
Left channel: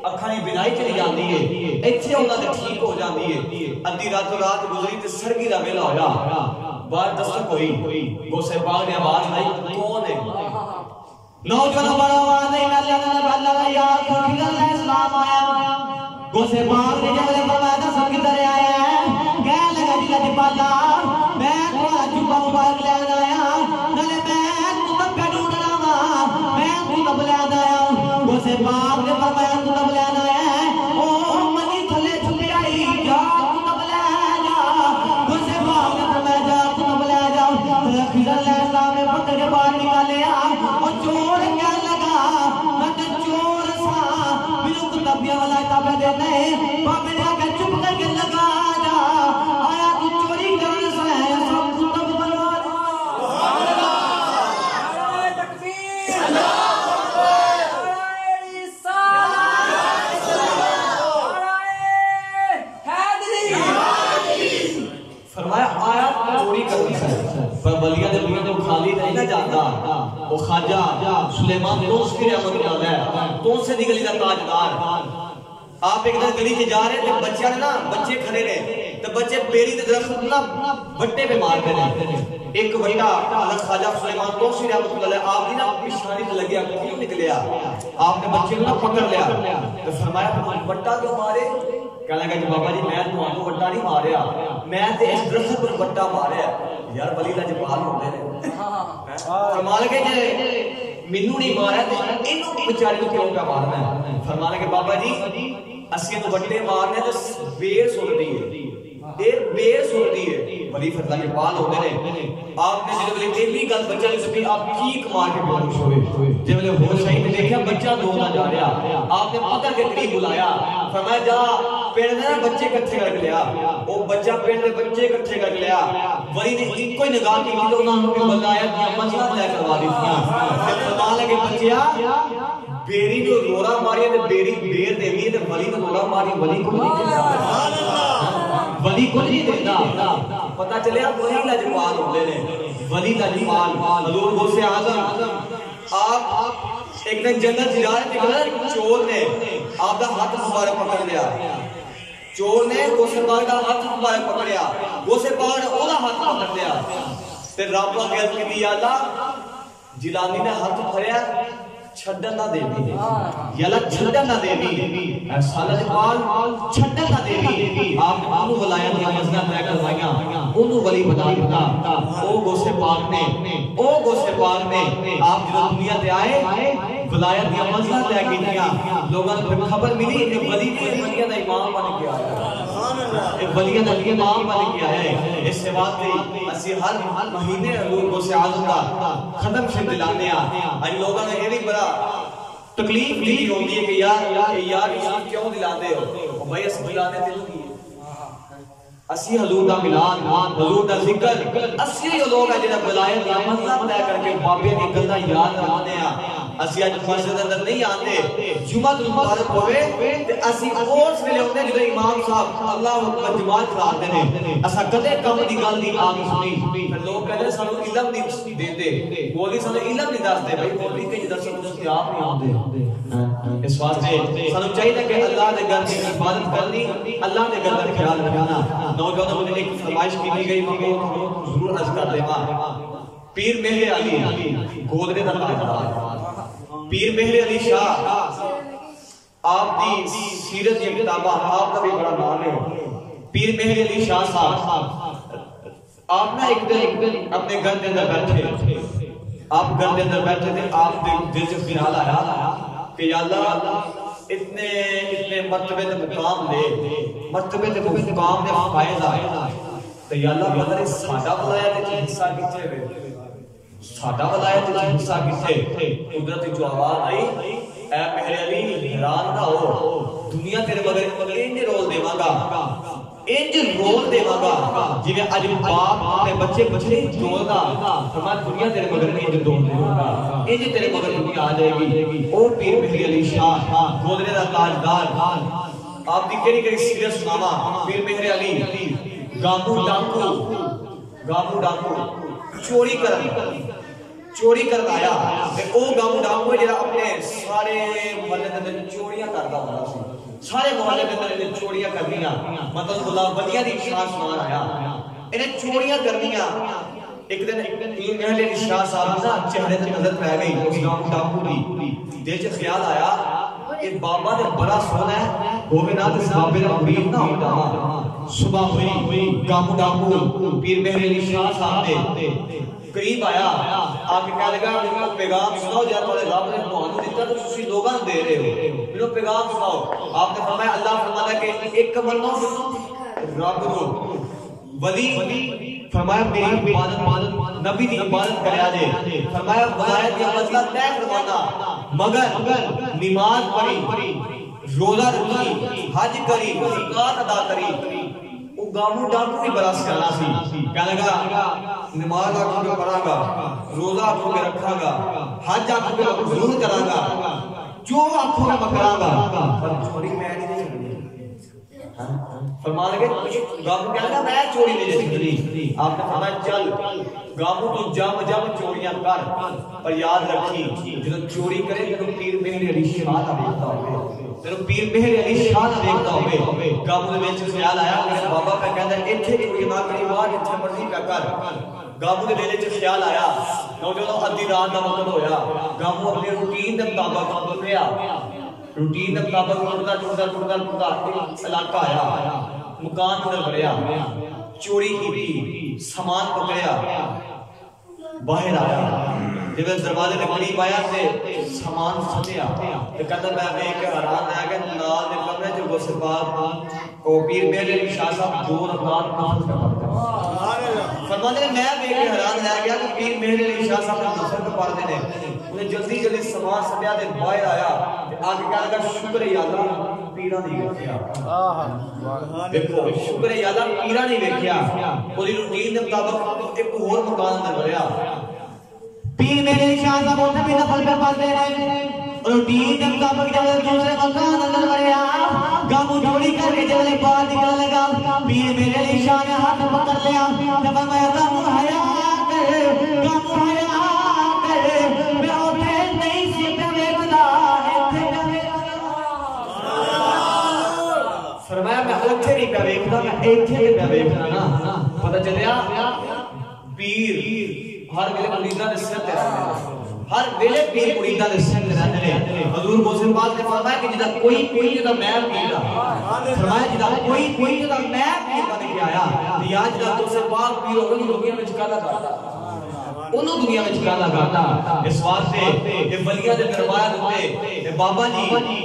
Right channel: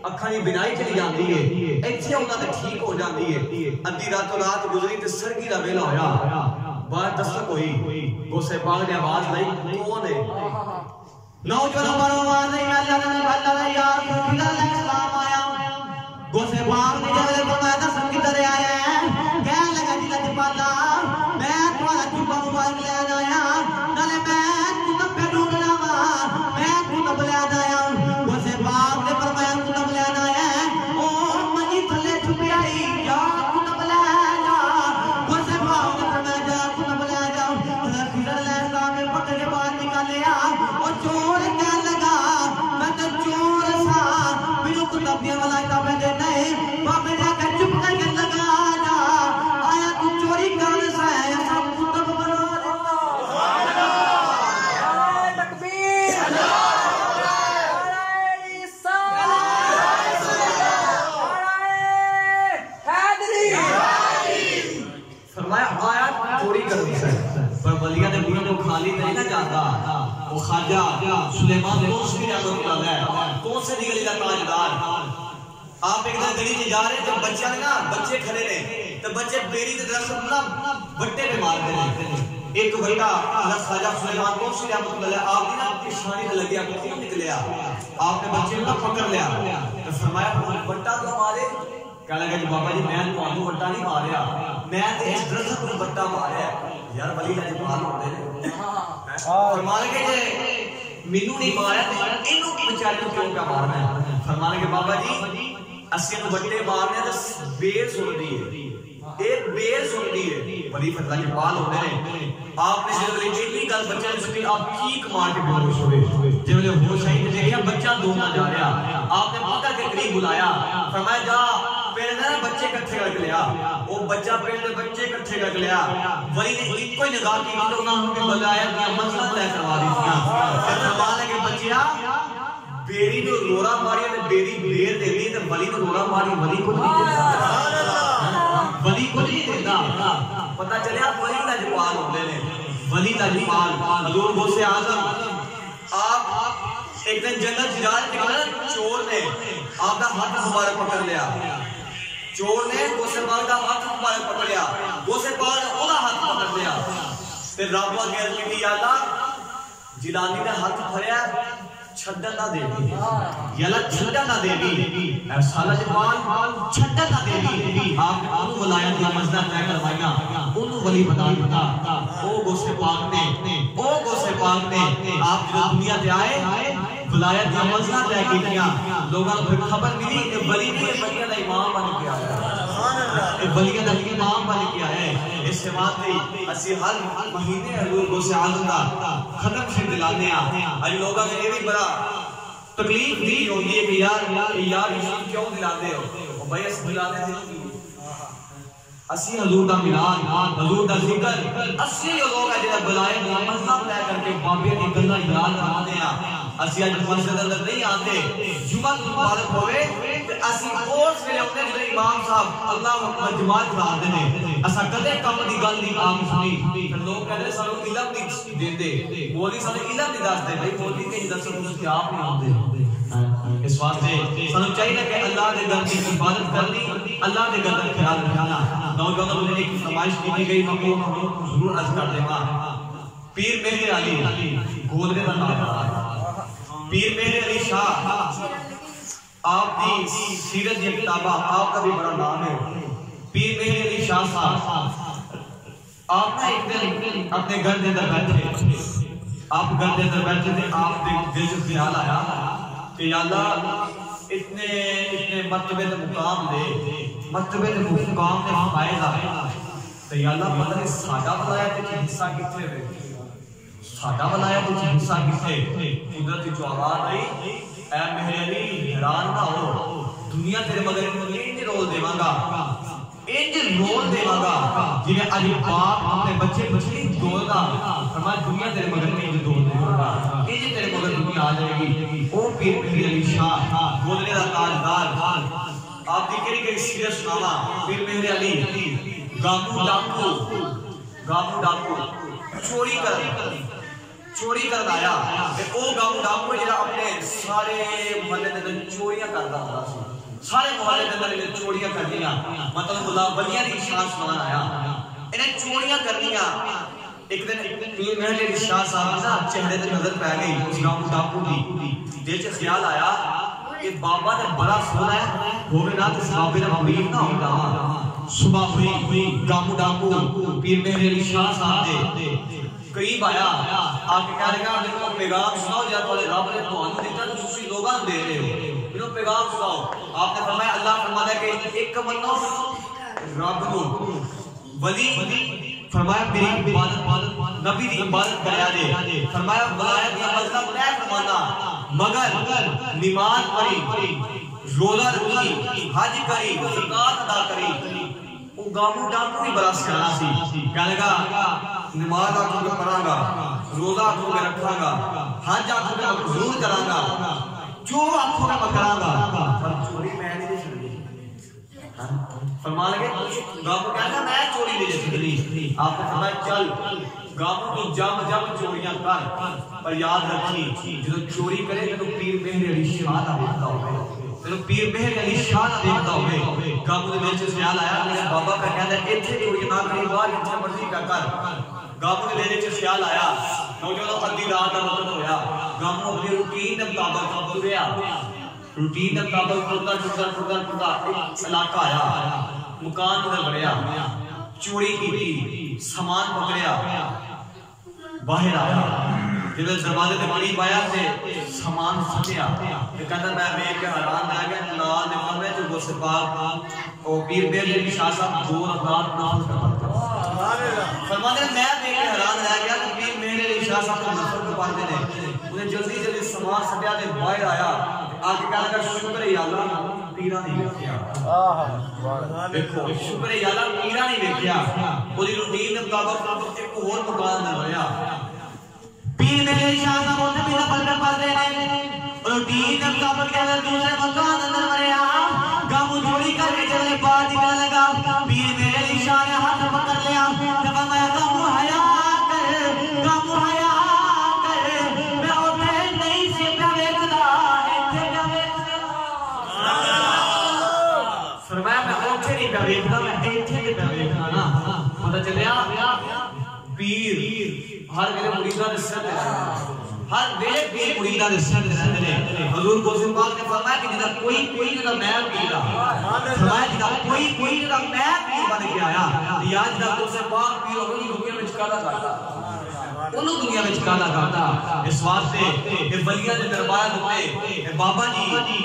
اکھاں دی بینائی چلی جاندی ہے ایتھے انہاں تے ٹھیک ہو جاندی ہے ادھی راتوں رات گزری تے سرگی دا ویلا ہویا بعد دستک ہوئی غوث پاک نے آواز لائی کون ہے نوجوانوں پر آواز نہیں میں اللہ یا رسول اللہ اسلام آیا غوث پاک نے جب فرمایا دسم کدھر آیا ہے کہنے لگا جی لجپالا میں تمہارا جبہ مبارک لے آیا نالے میں کتب پہ ڈھونڈنا وا میں کتب لے آیا غوث پاک نے فرمایا کتب لے آیا ہے او منی تھلے چھپی آئی جا کتب لے جا غوث پاک نے فرمایا جا کتب لے جا رسول اللہ اسلام نے پکڑ کے باہر نکالیا اور چور کہنے لگا میں تو چور سا میرے کتب دیا والا کتاب دے نہیں بابے نے کہا چپ کر کے لگا جا آیا تو چوری کرنے سے ہے سب کتب بنوا دے سبحان اللہ نعرہ تکبیر نعرہ رسالت نعرہ حیدری فرمایا آیات چوری کرنی سے پر ولیہ دے بوئے تو خالی نہیں نہ جاتا وہ خواجہ سلیمان توسی رحمت اللہ ہے توسی دی گلی دا تاجدار آپ ایک دن گلی سے جا رہے تھے بچے کھڑے رہے تو بچے بیری دے درخت اللہ بٹے پہ مار دے ایک بڑا اللہ خواجہ سلیمان توسی رحمت اللہ ہے آپ نے نا اپنی شانی سے لگیا کیوں نکلیا آپ نے بچے کو پکڑ لیا تو فرمایا بٹا کیوں مارے کہنے لگا جی بابا جی میں تو بٹا نہیں ماریا میں تے اس درخت کو بٹا ماریا یار ولی اللہ جبال ہوندے نے فرمان لگے جی مینوں نہیں ماریا تے اینوں بیچارے کو کیوں کا مارنا ہے فرمان لگے بابا جی اسی کو بٹے مارنے تے بیر سنتی ہے ایک بیر سنتی ہے ولی اللہ جبال ہوندے نے آپ نے جب یہ بھی گل بچے نے سنی آپ کیک مار کے بے ہوش ہوئے جب وہ ہوش آئی تے دیکھا بچہ دو نہ جا رہا آپ نے پکڑ کے قریب بلایا فرمایا جا پہلے نے بچے اکٹھے کر لیا وہ بچہ پہلے بچے اکٹھے کر لیا ولی نے ایک کوئی نگاہ کی تو انہوں نے بلایا کہ مسئلہ طے کروا دی تھی فرمایا لگے بچیا بیری جو رورا ماری تے بیری بیر دے دی تے ولی نے رورا ماری ولی کو نہیں دیتا سبحان اللہ ولی کو نہیں دیتا پتہ چلیا ولی لاجوال ہوندے نے ولی لاجوال حضور غوث اعظم آپ ایک دن جنت جا رہے تھے چور نے آپ کا ہاتھ مبارک پکڑ لیا چور نے غوث پاک کا ہاتھ مبارک پکڑ لیا غوث پاک نے اولا ہاتھ پکڑ لیا تے رب اگے کی یا اللہ جیلانی نے ہاتھ پھڑیا چھڈن نہ دیوی یا اللہ چھڈن نہ دیوی اے سالہ جمال چھڈن نہ دیوی آپ نے انہوں ولایت کا مزدہ طے کروایا انہوں ولی بتا او غوث پاک نے آپ جو دنیا تے آئے ولایت کا مزدہ طے کیا لوگوں کو خبر ملی کہ ولی نے ولیہ دا امام بن کے آیا سبحان اللہ ولیہ دا امام بن کے آیا اس سے بات نہیں اسی ہر مہینے حضور غوث اعظم دا ختم شریف دلانے اج لوگوں نے یہ بھی بڑا تکلیف نہیں ہوندی ہے کہ یار کیوں دلاتے ہو بھائی اس دلانے دل کی اسی حضور دا ملان حضور دا ذکر اسی لوگ ہے جڑا ولایت دا مسئلہ طے کر کے بابے دی گلاں یاد رکھتے ہیں اسی اج مسجد اندر نہیں آتے جمعہ مبارک ہوئے تے اسی اس ویلے ہوندے جڑے امام صاحب اللہ اکبر جماعت کراتے ہیں اسا کدے کم دی گل نہیں عام سنی پھر لوگ کہندے سانو علم نہیں دیندے مولوی سانو علم نہیں دسدے بھائی مولوی کے جدوں سنت آپ نہیں ہوندے اس واسطے سانو چاہیے کہ اللہ دے گھر دی عبادت کرنی اللہ دے گھر دا خیال رکھنا نوجوانوں نے ایک فرمائش کی گئی میں ضرور عرض کر دے گا پیر مہر علی گولڈے دا نام پیر مہر علی شاہ آپ دی سیرت یہ کتابہ آپ کا بھی بڑا نام ہے پیر مہر علی شاہ صاحب آپ نا ایک دن اپنے گھر دے اندر بیٹھے آپ گھر دے اندر بیٹھے تھے آپ دل سے خیال آیا کہ یا اللہ اتنے مرتبے دے مقام لے مرتبے دے مقام دے فائز آئے تو یا اللہ پتہ نہیں ساڈا ولایت وچ حصہ کتھے وے ساڈا ولایت وچ حصہ کتھے قدرت جو آواز آئی اے میرے علی حیران نہ ہو دنیا تیرے مگر انج رول دیواں گا انج رول دیواں گا جویں اج باپ اپنے بچے بچے رولدا فرمایا دنیا تیرے مگر انج رول دیواں گا انج تیرے مگر دنیا آ جائے گی او پیر میرے علی شاہ گودرے دا تاجدار آپ دی کیڑی سیرت سناواں پیر میرے علی گامو ڈاکو چوری کر آیا تے او گامو ڈاکو جڑا اپنے سارے محلے دے اندر چوریاں کردا ہوندا سی سارے محلے دے اندر چوریاں کردیاں مطلب اللہ ولیاں دی شان سنان آیا انہیں چوریاں کردیاں ایک دن پیر محل علی شاہ صاحب نا چہرے تے نظر پے گئی اس گامو ڈاکو دی دل چ خیال آیا یہ بابا تے بڑا سونا ہے ہوے نا تے بابے دا مرید نہ ہوندا صبح ہوئی گامو ڈاکو پیر محل علی شاہ صاحب دے قریب آیا آکے کہہ لگا میرے پیغام سناؤ جہاں تھوڑے رب نے تمہیں دیتا تو تسی لوگاں دے رہے ہو میرے پیغام سناؤ آپ نے فرمایا اللہ فرماتا ہے کہ ایک منو رب نو ولی فرمایا میری عبادت نبی دی عبادت کریا جے فرمایا ولایت دی مطلب طے فرمانا مگر نماز پڑھی روزہ رکھی حج کری زکات ادا کری وہ گامو ڈاکو ہی برس کرنا سی کہنے لگا نماز آنکھوں میں پڑھاں گا روزہ آنکھوں میں رکھاں گا حج آنکھوں میں ضرور کراں گا جو آنکھوں میں کراں گا پر چوری میں نہیں دے سکتی فرمان لگے گامو کہنا میں چوری نہیں دے سکتی آپ نے فرمایا چل گامو تو جم چوریاں کر پر یاد رکھی جو چوری کرے تو پیر محل علی شاہ نہ دیکھتا ہوگا میرے پیر محل علی شاہ نہ دیکھتا ہوئے گامو دے وچ خیال آیا میرے بابا کا کہتا ہے ایتھے چوری نہ کری باہر جتھے مرضی کا کر گامو دے وچ خیال آیا نوجوان ادھی رات دا وقت ہویا گامو اپنی روٹین دے مطابق چل رہا روٹین دے مطابق ٹرتا ایک علاقہ آیا مکان تے بڑھیا چوری کی سامان پکڑیا باہر آیا جب دروازے کے قریب آیا تے سامان سمجھیا تے کہتا میں ویکھ کے حیران آ گیا نال دے کمرے چ غسل پاک او پیر محل علی شاہ صاحب 2 رکعت نماز پڑھتے ہیں فرماتے ہیں میں ویکھ کے حیران آ گیا کہ پیر محل علی شاہ صاحب نفل پڑھتے ہیں انہیں جلدی سامان سٹیا تے باہر آیا تے آ کے کہنے لگا شکر ہے اللہ پیرا نہیں ویکھیا دیکھو شکر ہے اللہ پیرا نہیں ویکھیا پوری روٹین دے مطابق ایک اور مکان تے ہویا پیر میرے شاہ صاحب ہوتا بھی نفل کر پڑھتے ہیں روٹین دے مطابق جب دوسرے مکان اندر وریا گامو چوری کر کے جب باہر نکلنے لگا پیر میرے شاہ نے ہاتھ پکڑ لیا جب میں گامو حیا کر میں اوتھے نہیں سی پیا ویکھدا ایتھے پیا ویکھدا فرمایا میں اوتھے نہیں پیا ویکھدا میں ایتھے پیا ویکھدا نا پتہ چلیا پیر ہر ویلے مریداں دے سر تے ہر ویلے پیر مریداں دے سر تے رہندے حضور غوث پاک نے فرمایا کہ جدا کوئی جدا میں پیر فرمایا جدا کوئی جدا میں پیر بن کے آیا یا جدا غوث پاک پیر ہو دنیا وچ کالا کرتا انہوں دنیا وچ کالا کرتا اس واسطے کہ ولیاں دے دربار تے بابا جی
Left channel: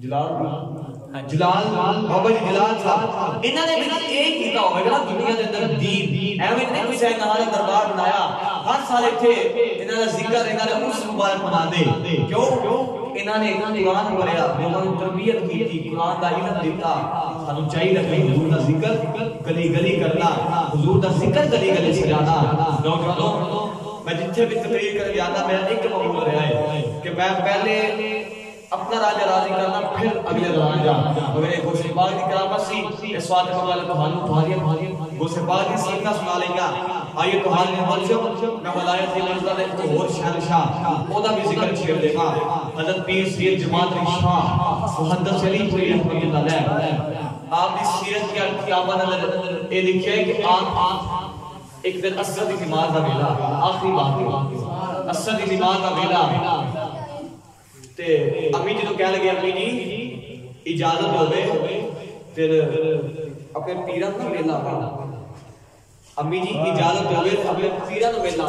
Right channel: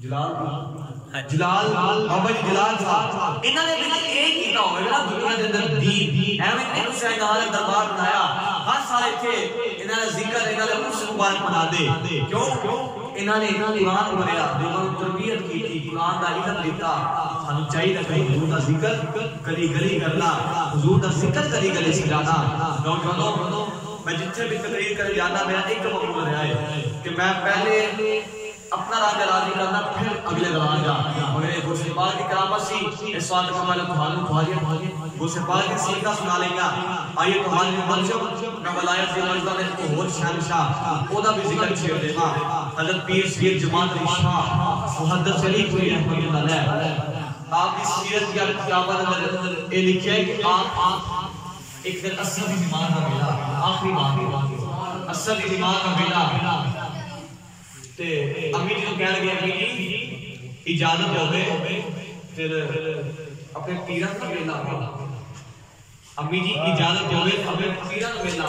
جلال بابا جی جلال صاحب انہاں نے بھی ایک کیتا ہوے نا دنیا دے اندر دین ایویں نہیں کسے نال دربار بنایا ہر سال ایتھے انہاں دا ذکر انہاں دا عرس مبارک بنا دے کیوں انہاں نے قرآن پڑھیا لوگوں کو تربیت کی قرآن دا علم دیتا سانو چاہیے کہ حضور دا ذکر گلی گلی کرنا حضور دا ذکر گلی گلی سکھانا نوجوانوں میں جتھے بھی تقریر کر جانا میرا ایک مقصود رہا ہے کہ میں پہلے اپنا راجہ راضی کرنا پھر اگلے دوران جا مگر غوث پاک کی کرامت سی اس وقت کو میں تمہاری غوث پاک کی سیرت سنا لیں گا آئیے تمہاری منصب میں ولایت کی منزلہ میں اور شہنشاہ اودا بھی ذکر چھیڑ دے گا حضرت پیر سید جماعت شاہ محدث علی پوری رحمۃ اللہ علیہ آپ اس سیرت کی کتابوں میں یہ لکھے کہ آپ ایک دن اثر دی نماز کا ویلا آخری بات اثر دی نماز کا ویلا تے امی جی تو کہہ لگے کہ جی اجازت ہوے پھر اپنے پیراں دا ویلا امی جی اجازت ہوے اپنے پیراں دا ویلا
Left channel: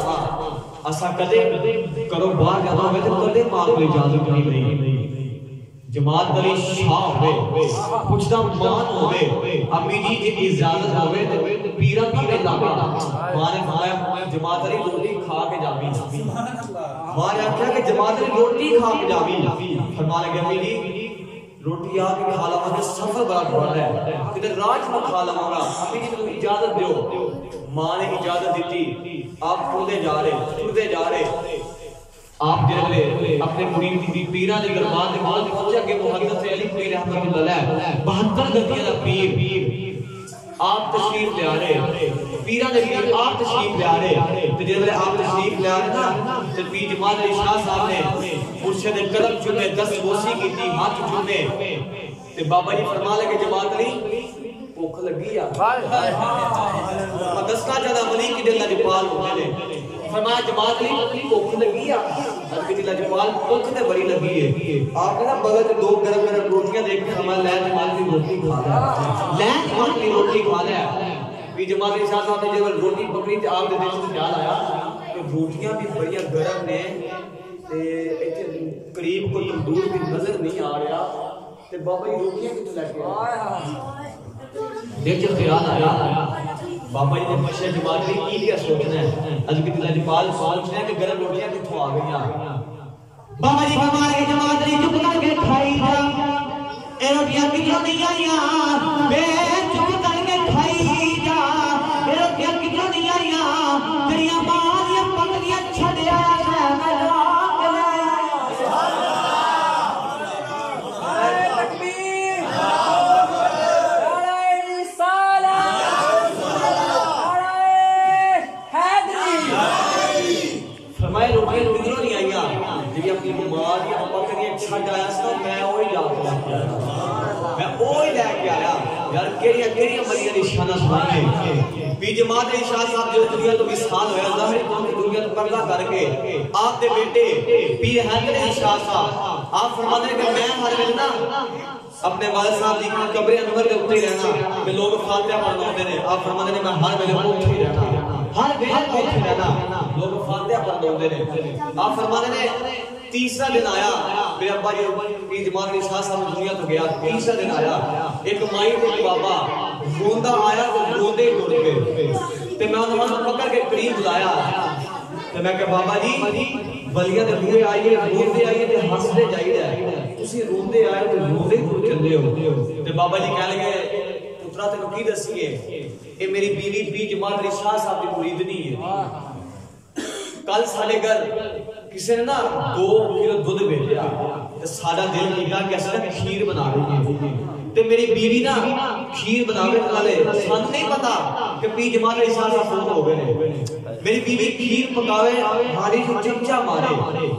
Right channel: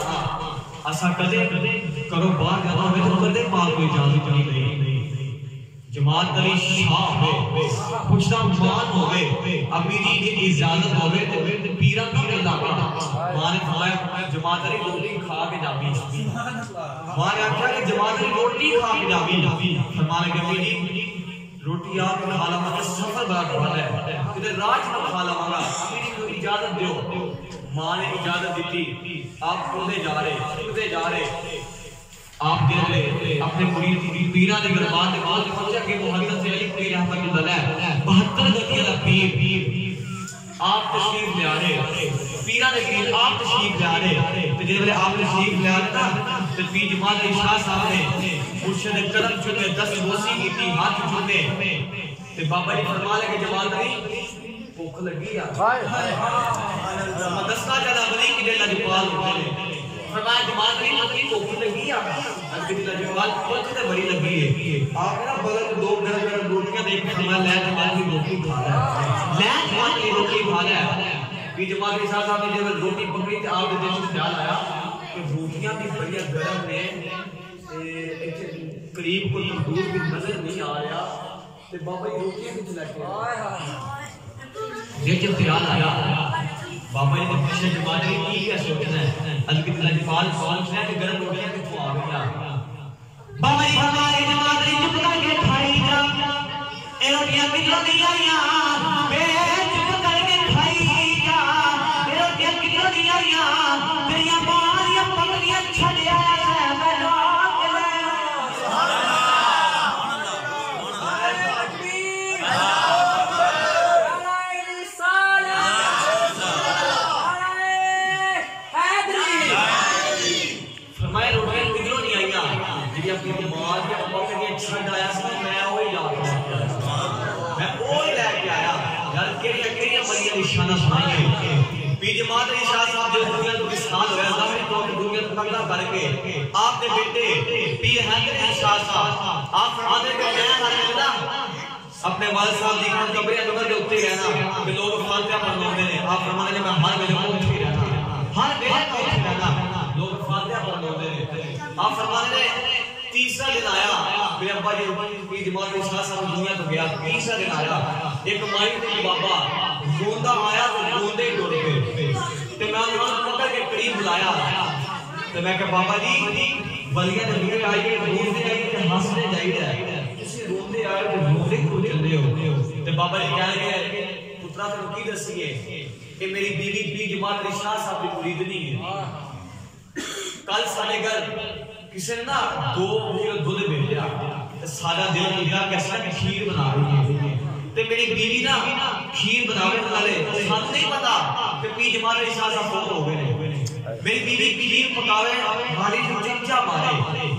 اسا کدے کرو باہر جانا ہوے تو کدے ماں کو اجازت نہیں لئی جماعت علی شاہ ہوئے پوچھتا مان ہوئے امی جی اجازت ہوئے تو پیرا پیرا لاغا ماں نے فرمایا جماعت علی روٹی کھا کے جامی ماں نے آکھا کہ جماعت علی روٹی کھا کے جامی فرمانے کہ امی جی روٹی آ کے کھا لما کہ سفر بڑا دھوڑا ہے کدھر راج نہ کھا لما گا امی جی کو اجازت دیو ماں نے اجازت دیتی آپ پڑھتے جا رہے آپ جنہوں اپنے مرید پیران کے دربار کے بعد پہنچا کہ وہ حضرت علی پیر رحمت اللہ علیہ 72 گدیاں دا پیر آپ تشریف لے آ رہے پیران کے پیر آپ تشریف لے آ رہے تو جنہوں آپ تشریف لے آ رہے نا تو پیر جماعت علی شاہ صاحب نے مرشد قدم چنے دست بوسی کی تھی ہاتھ چنے تو بابا جی فرما لے کہ جماعت علی بھوک لگی یا دستا چلا بلی کی دل لجپال ہوتے ہیں فرمایا جماعت علی کی بھوک لگی یا حضرت دل لجپال بھوک تے بڑی لگی ہے آپ نے نا بغل دو گرم گرم روٹیاں دیکھ کے فرمایا لے جماعت کی روٹی کھا لیا لے جماعت کی روٹی کھا لیا کہ جماعت کے ساتھ آپ نے جب روٹی پکڑی تے آپ دے دل سے خیال آیا کہ روٹیاں بھی بڑی گرم نے قریب کو تندور بھی نظر نہیں آ رہا تے بابا یہ روٹیاں کتنے لگ گیا دیکھ خیال آیا بابا جی نے پوچھا جماعت علی کی کیا سوچنا ہے حضرت لجپال سوچنا ہے کہ گرم روٹیاں کتوں آ گئی بابا جی فرمایا کہ جماعت علی چپ کر کے کھائی جا اے روٹیاں کتوں دی آئیاں بے چپ کر کے کھائی جا اے روٹیاں کتوں دی آئیاں تیریاں باریاں پکڑیاں چھڑیا ہے سبحان پیر جماعت علی شاہ صاحب جو دنیا تو وصال ہویا ظاہری طور پر دنیا تو پردہ کر کے آپ دے بیٹے پیر حیدر علی شاہ صاحب آپ فرماتے ہیں کہ میں ہر ویلے اپنے والد صاحب دی قبر انور کے اوپر رہنا کہ لوگ فاتحہ پڑھتے ہیں آپ فرماتے ہیں میں ہر ویلے اوپر ہی رہنا ہر ویلے اوپر رہنا لوگ فاتحہ پڑھتے ہیں آپ فرماتے ہیں تیسرا دن آیا میرے ابا جی پیر جماعت علی شاہ صاحب دنیا تو گیا تیسرا دن آیا ایک مائی تے بابا روندہ آیا تو روندے ٹوٹ گئے تے میں انہوں نے پکڑ کے قریب بلایا تے میں کہ بابا جی ولیاں نے دورے آئیے روندے آئیے تے ہنستے جائیے اسی روندے آئے تے روندے کیوں چلے ہو تے بابا جی کہہ لگے پترا تینوں کی دسیے اے میری بیوی پیر جماعت علی شاہ صاحب کی مریدنی ہے کل ساڈے گھر کسی نے نا 2 کلو دودھ بھیجا سارا دل کیا کہ اصل کھیر بنا رہی ہے تے میری بیوی نا کھیر بناوے والے سن نہیں پتا کہ پیر جماعت علی شاہ صاحب فوت ہو گئے میری بیوی کھیر پکاوے ماڑی جو چمچا مارے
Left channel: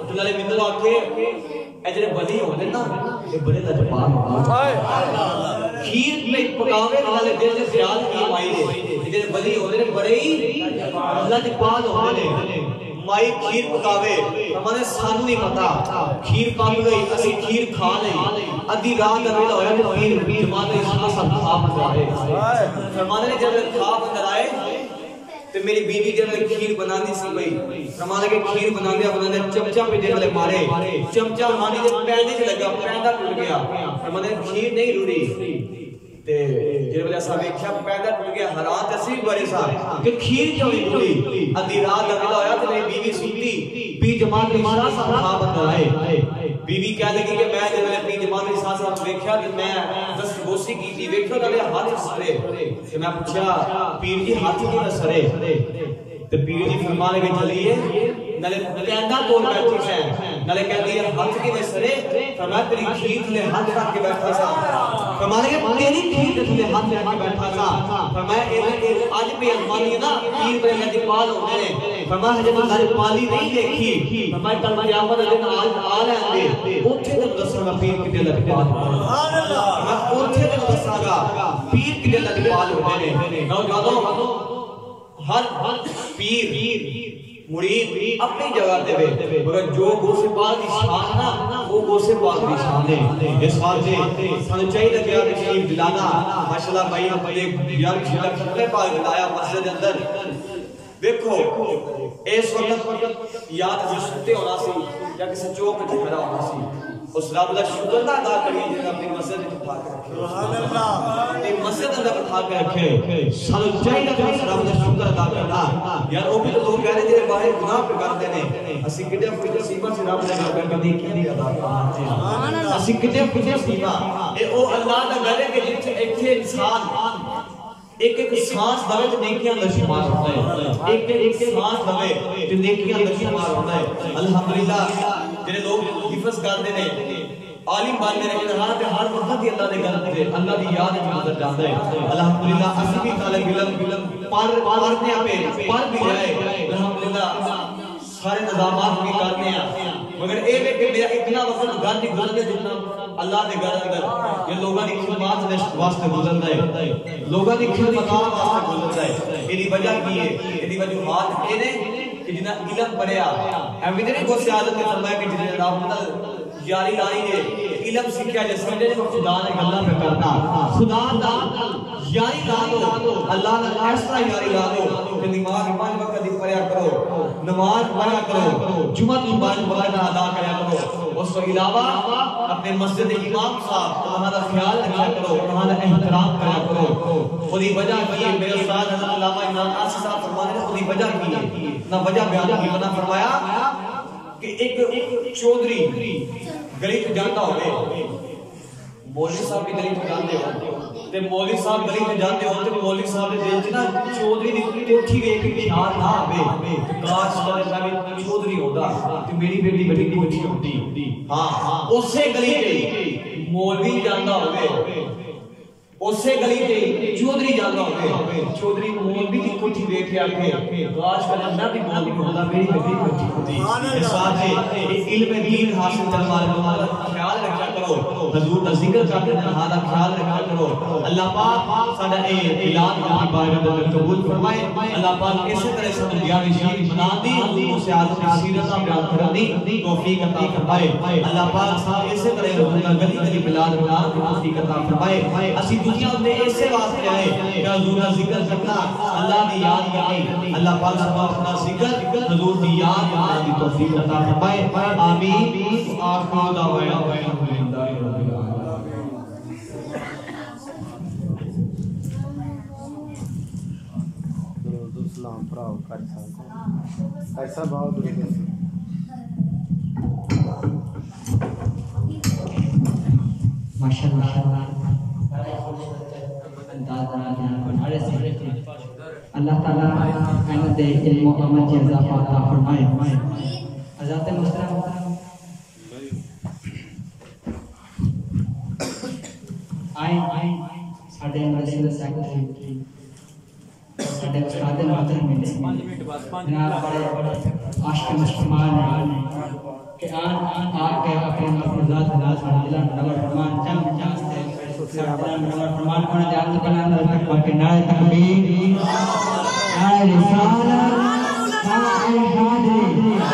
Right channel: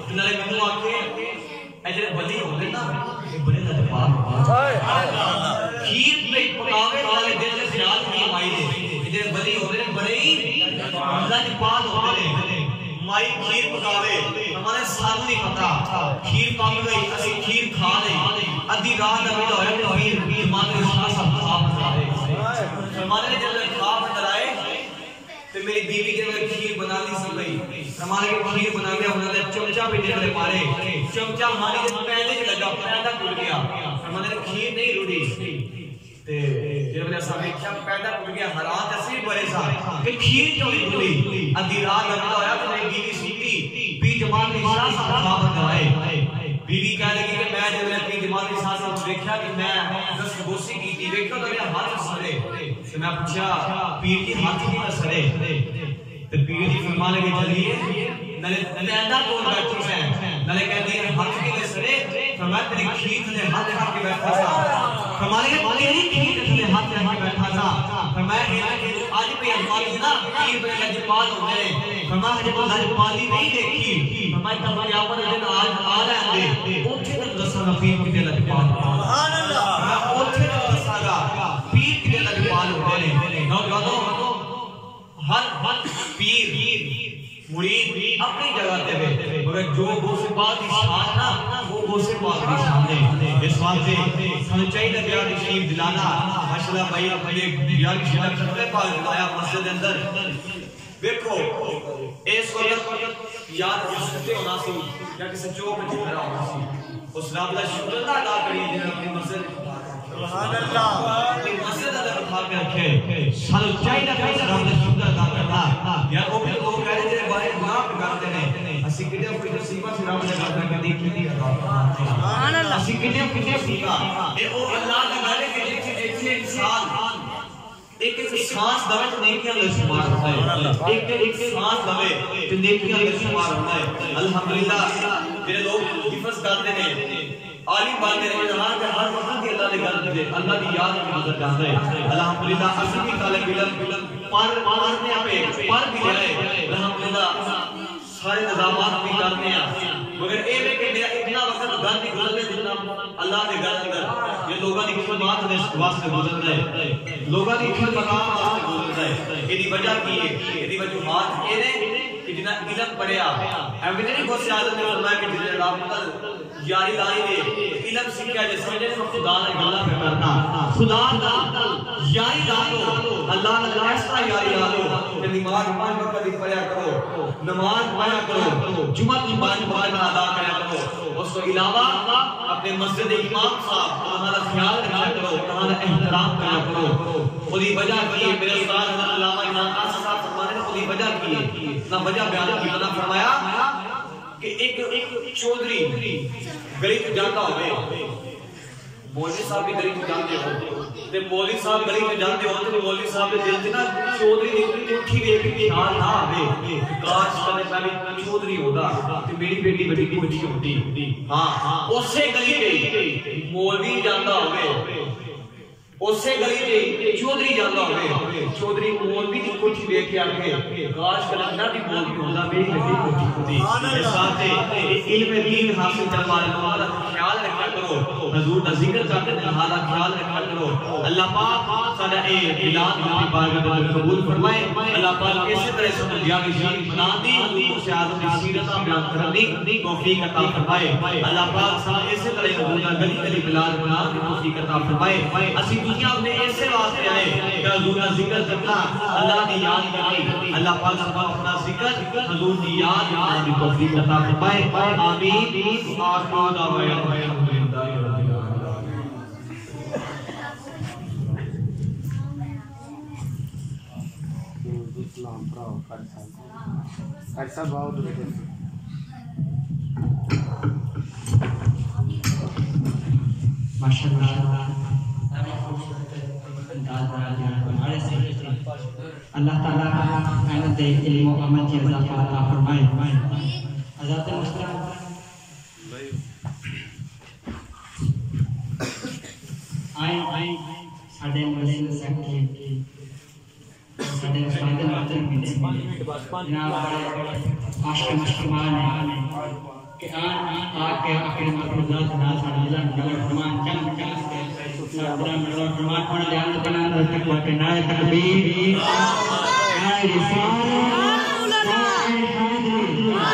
تے نالے مینوں آکھے اے جڑے ولی ہوندے نا اے بڑے لجپال کھیر میں پکاوے والے دل سے خیال کی مائی دے جڑے ولی ہوندے نے بڑے ہی لجپال ہوندے نے مائی کھیر پکاوے ہمارے سانو نہیں پتا کھیر پک گئی اسی کھیر کھا نہیں ادھی رات کا ویلا ہویا تے پیر جماعت علی شاہ صاحب خواب اندر آئے فرمانے نے جب خواب اندر آئے تے میری بیوی جب کھیر بناتی سی بھائی فرمانے کے کھیر بناندے چمچا پہ جڑے مارے چمچا مانی دے پیندے چ لگا پیندا ٹوٹ گیا فرمانے کھیر نہیں روڑی تے جے ویلے اساں ویکھیا پیندا ٹوٹ گیا حیران تصویر بڑے سا کہ کھیر کیوں نہیں روڑی ادھی رات کا ویلا ہویا تے میری بیوی سوتی پیر جماعت علی شاہ صاحب خواب اندر آئے بیوی کہہ لگی کہ میں جب پیر جماعت علی شاہ صاحب ویکھیا کہ میں دست بوسی کیتی ویکھو تے میرے ہاتھ سڑے تے میں پوچھا پیر جی ہاتھ کیوں سڑے تے پیر جی فرما لگے چلیے نالے پیندا کون بیٹھی ہے نالے کہندی ہے ہاتھ کیوں سڑے فرمایا تیری کھیر نے ہاتھ رکھ کے بیٹھا تھا فرمایا کہ تیری کھیر نے ہاتھ رکھ کے بیٹھا تھا فرمایا اج بھی ہماری نا پیر بڑے لجپال ہوندے نے فرمایا ہجے تو لجپالی نہیں دیکھی فرمایا کل قیامت دے دن آ لے اوتھے تے دساں گا پیر کتے لجپال سبحان اللہ اوتھے تے دساں گا پیر کتے لجپال ہوندے نے نوجوانوں ہر پیر مرید اپنی جگہ تے وے مگر جو غوث پاک دی شان نا وہ غوث پاک دی شان ہے اس واسطے سانو چاہیے کہ یار شریف دلانا ماشاءاللہ بھائی اپنے یار شریف ختم پاک دلایا مسجد اندر دیکھو اس وقت یا کسی ستے ہونا سی یا کسی چوک میں کھڑا ہونا سی اس رب دا شکر ادا کریے جن اپنی مسجد میں پھا کے سبحان اللہ ایک مسجد اندر پھا کے رکھے سانو چاہیے کہ اس رب دا شکر ادا کرنا یار وہ بھی تو لوگ کہہ رہے جڑے باہر گناہ پہ کرتے ہیں اسی کتے کوئی نصیبہ سے رب نے گھر کدی کی ادا سبحان اللہ اسی کتے نصیبہ اے او اللہ دا گھر ہے کہ جتھے ایتھے انسان ایک ایک سانس دوے تو نیکیاں دا شمار ہوتا ہے ایک ایک سانس دوے تو نیکیاں دا شمار ہوتا ہے الحمدللہ جنہیں لوگ حفظ کرتے ہیں عالم باننے رہے کہ ہر وقت کی اللہ نے گل دے اللہ کی یاد میں نظر جاتا ہے الحمدللہ اسی بھی طالب علم پڑھنے پہ پڑھ بھی جائے الحمدللہ سارے نظامات بھی کرتے ہیں مگر اے میں کہ میرا اتنا وقت گھر نہیں گزرنے جتنا اللہ نے گھر اندر یہ لوگاں کی خدمات نے واسطے گزرنا ہے لوگاں کی خدمات واسطے گزرنا ہے یہ وجہ کی ہے یہ وجوہات یہ نے کہ جنہاں علم پڑھیا ایویں نہیں کو سیادت نے فرمایا کہ جنہیں رب یاری لانی نے علم سیکھا جے سمجھے نے خدا نے گلاں پہ کرنا خدا نال یاری لا لو اللہ نے ایسا یاری لا لو کہ نماز 5 وقت دی پڑھیا کرو نماز پڑھا کرو جمعہ کی 5 وقت ادا کریا کرو اس کے علاوہ اپنے مسجد امام صاحب وہاں دا خیال رکھا کرو وہاں دا احترام کریا کرو خودی وجہ کی ہے میرے استاد حضرت علامہ امام قاسم صاحب فرماتے ہیں خودی وجہ کی ہے نہ وجہ بیان کی بنا فرمایا کہ ایک چودھری گلی تو جاتا ہوئے مولوی صاحب بھی گلی تو جانتے ہو تے مولوی صاحب گلی تو جانتے ہو تے مولوی صاحب دے دل چ نا چودھری دی کوٹھی ویکھ کے خیال نہ آوے کاش کرے میں چودھری ہوندا تے میری بیٹی بڑی کوٹھی ہوندی ہاں اسی گلی تے مولوی جاندا ہوئے اسی گلی تے چودھری جاندا ہوئے چودھری مولوی دی کوٹھی ویکھ کے آکھے کاش کرے نہ بھی مولوی ہوندا میری بیٹی کوٹھی ہوندی اس واسطے علم دین حاصل کرنے والے لوگوں کا خیال رکھا کرو حضور کا ذکر کرتے ہیں ہمارا خیال رکھا کرو اللہ پاک سارا اعلان اپنی بارگاہ میں قبول فرمائے اللہ پاک اسی طرح سے دیاوی شریف بنا دی حضور سے آج کی سیرت بیان کرنے کی توفیق عطا فرمائے اللہ پاک سارا اسی طرح حضور کا گلی گلی بلال بنا کی توفیق عطا فرمائے اسی دنیا میں ایسے واسطے آئے کہ حضور کا ذکر کرنا اللہ نے یاد کریں اللہ پاک سب اپنا ذکر حضور کی یاد کرنے کی توفیق عطا فرمائے آمین آخر دعوانا الحمدللہ رب العالمین درود سلام پراؤ کر صاحب آؤ درود ماشاءاللہ اللہ تعالیٰ احمد علم و عمل کی اضافہ عطا فرمائے حضرات محترم آئیں ساڑھے مرسل سیکٹری ساڑھے استاد ناظر ملے جناب عاشق مشکمان ہیں کہ آن کے اپنے مرفوضات ناز حضرت نور فرمان چند چانستے فرمان کون جان کنا تک وقت نائے تکبیر نائے رسالہ نائے حاضر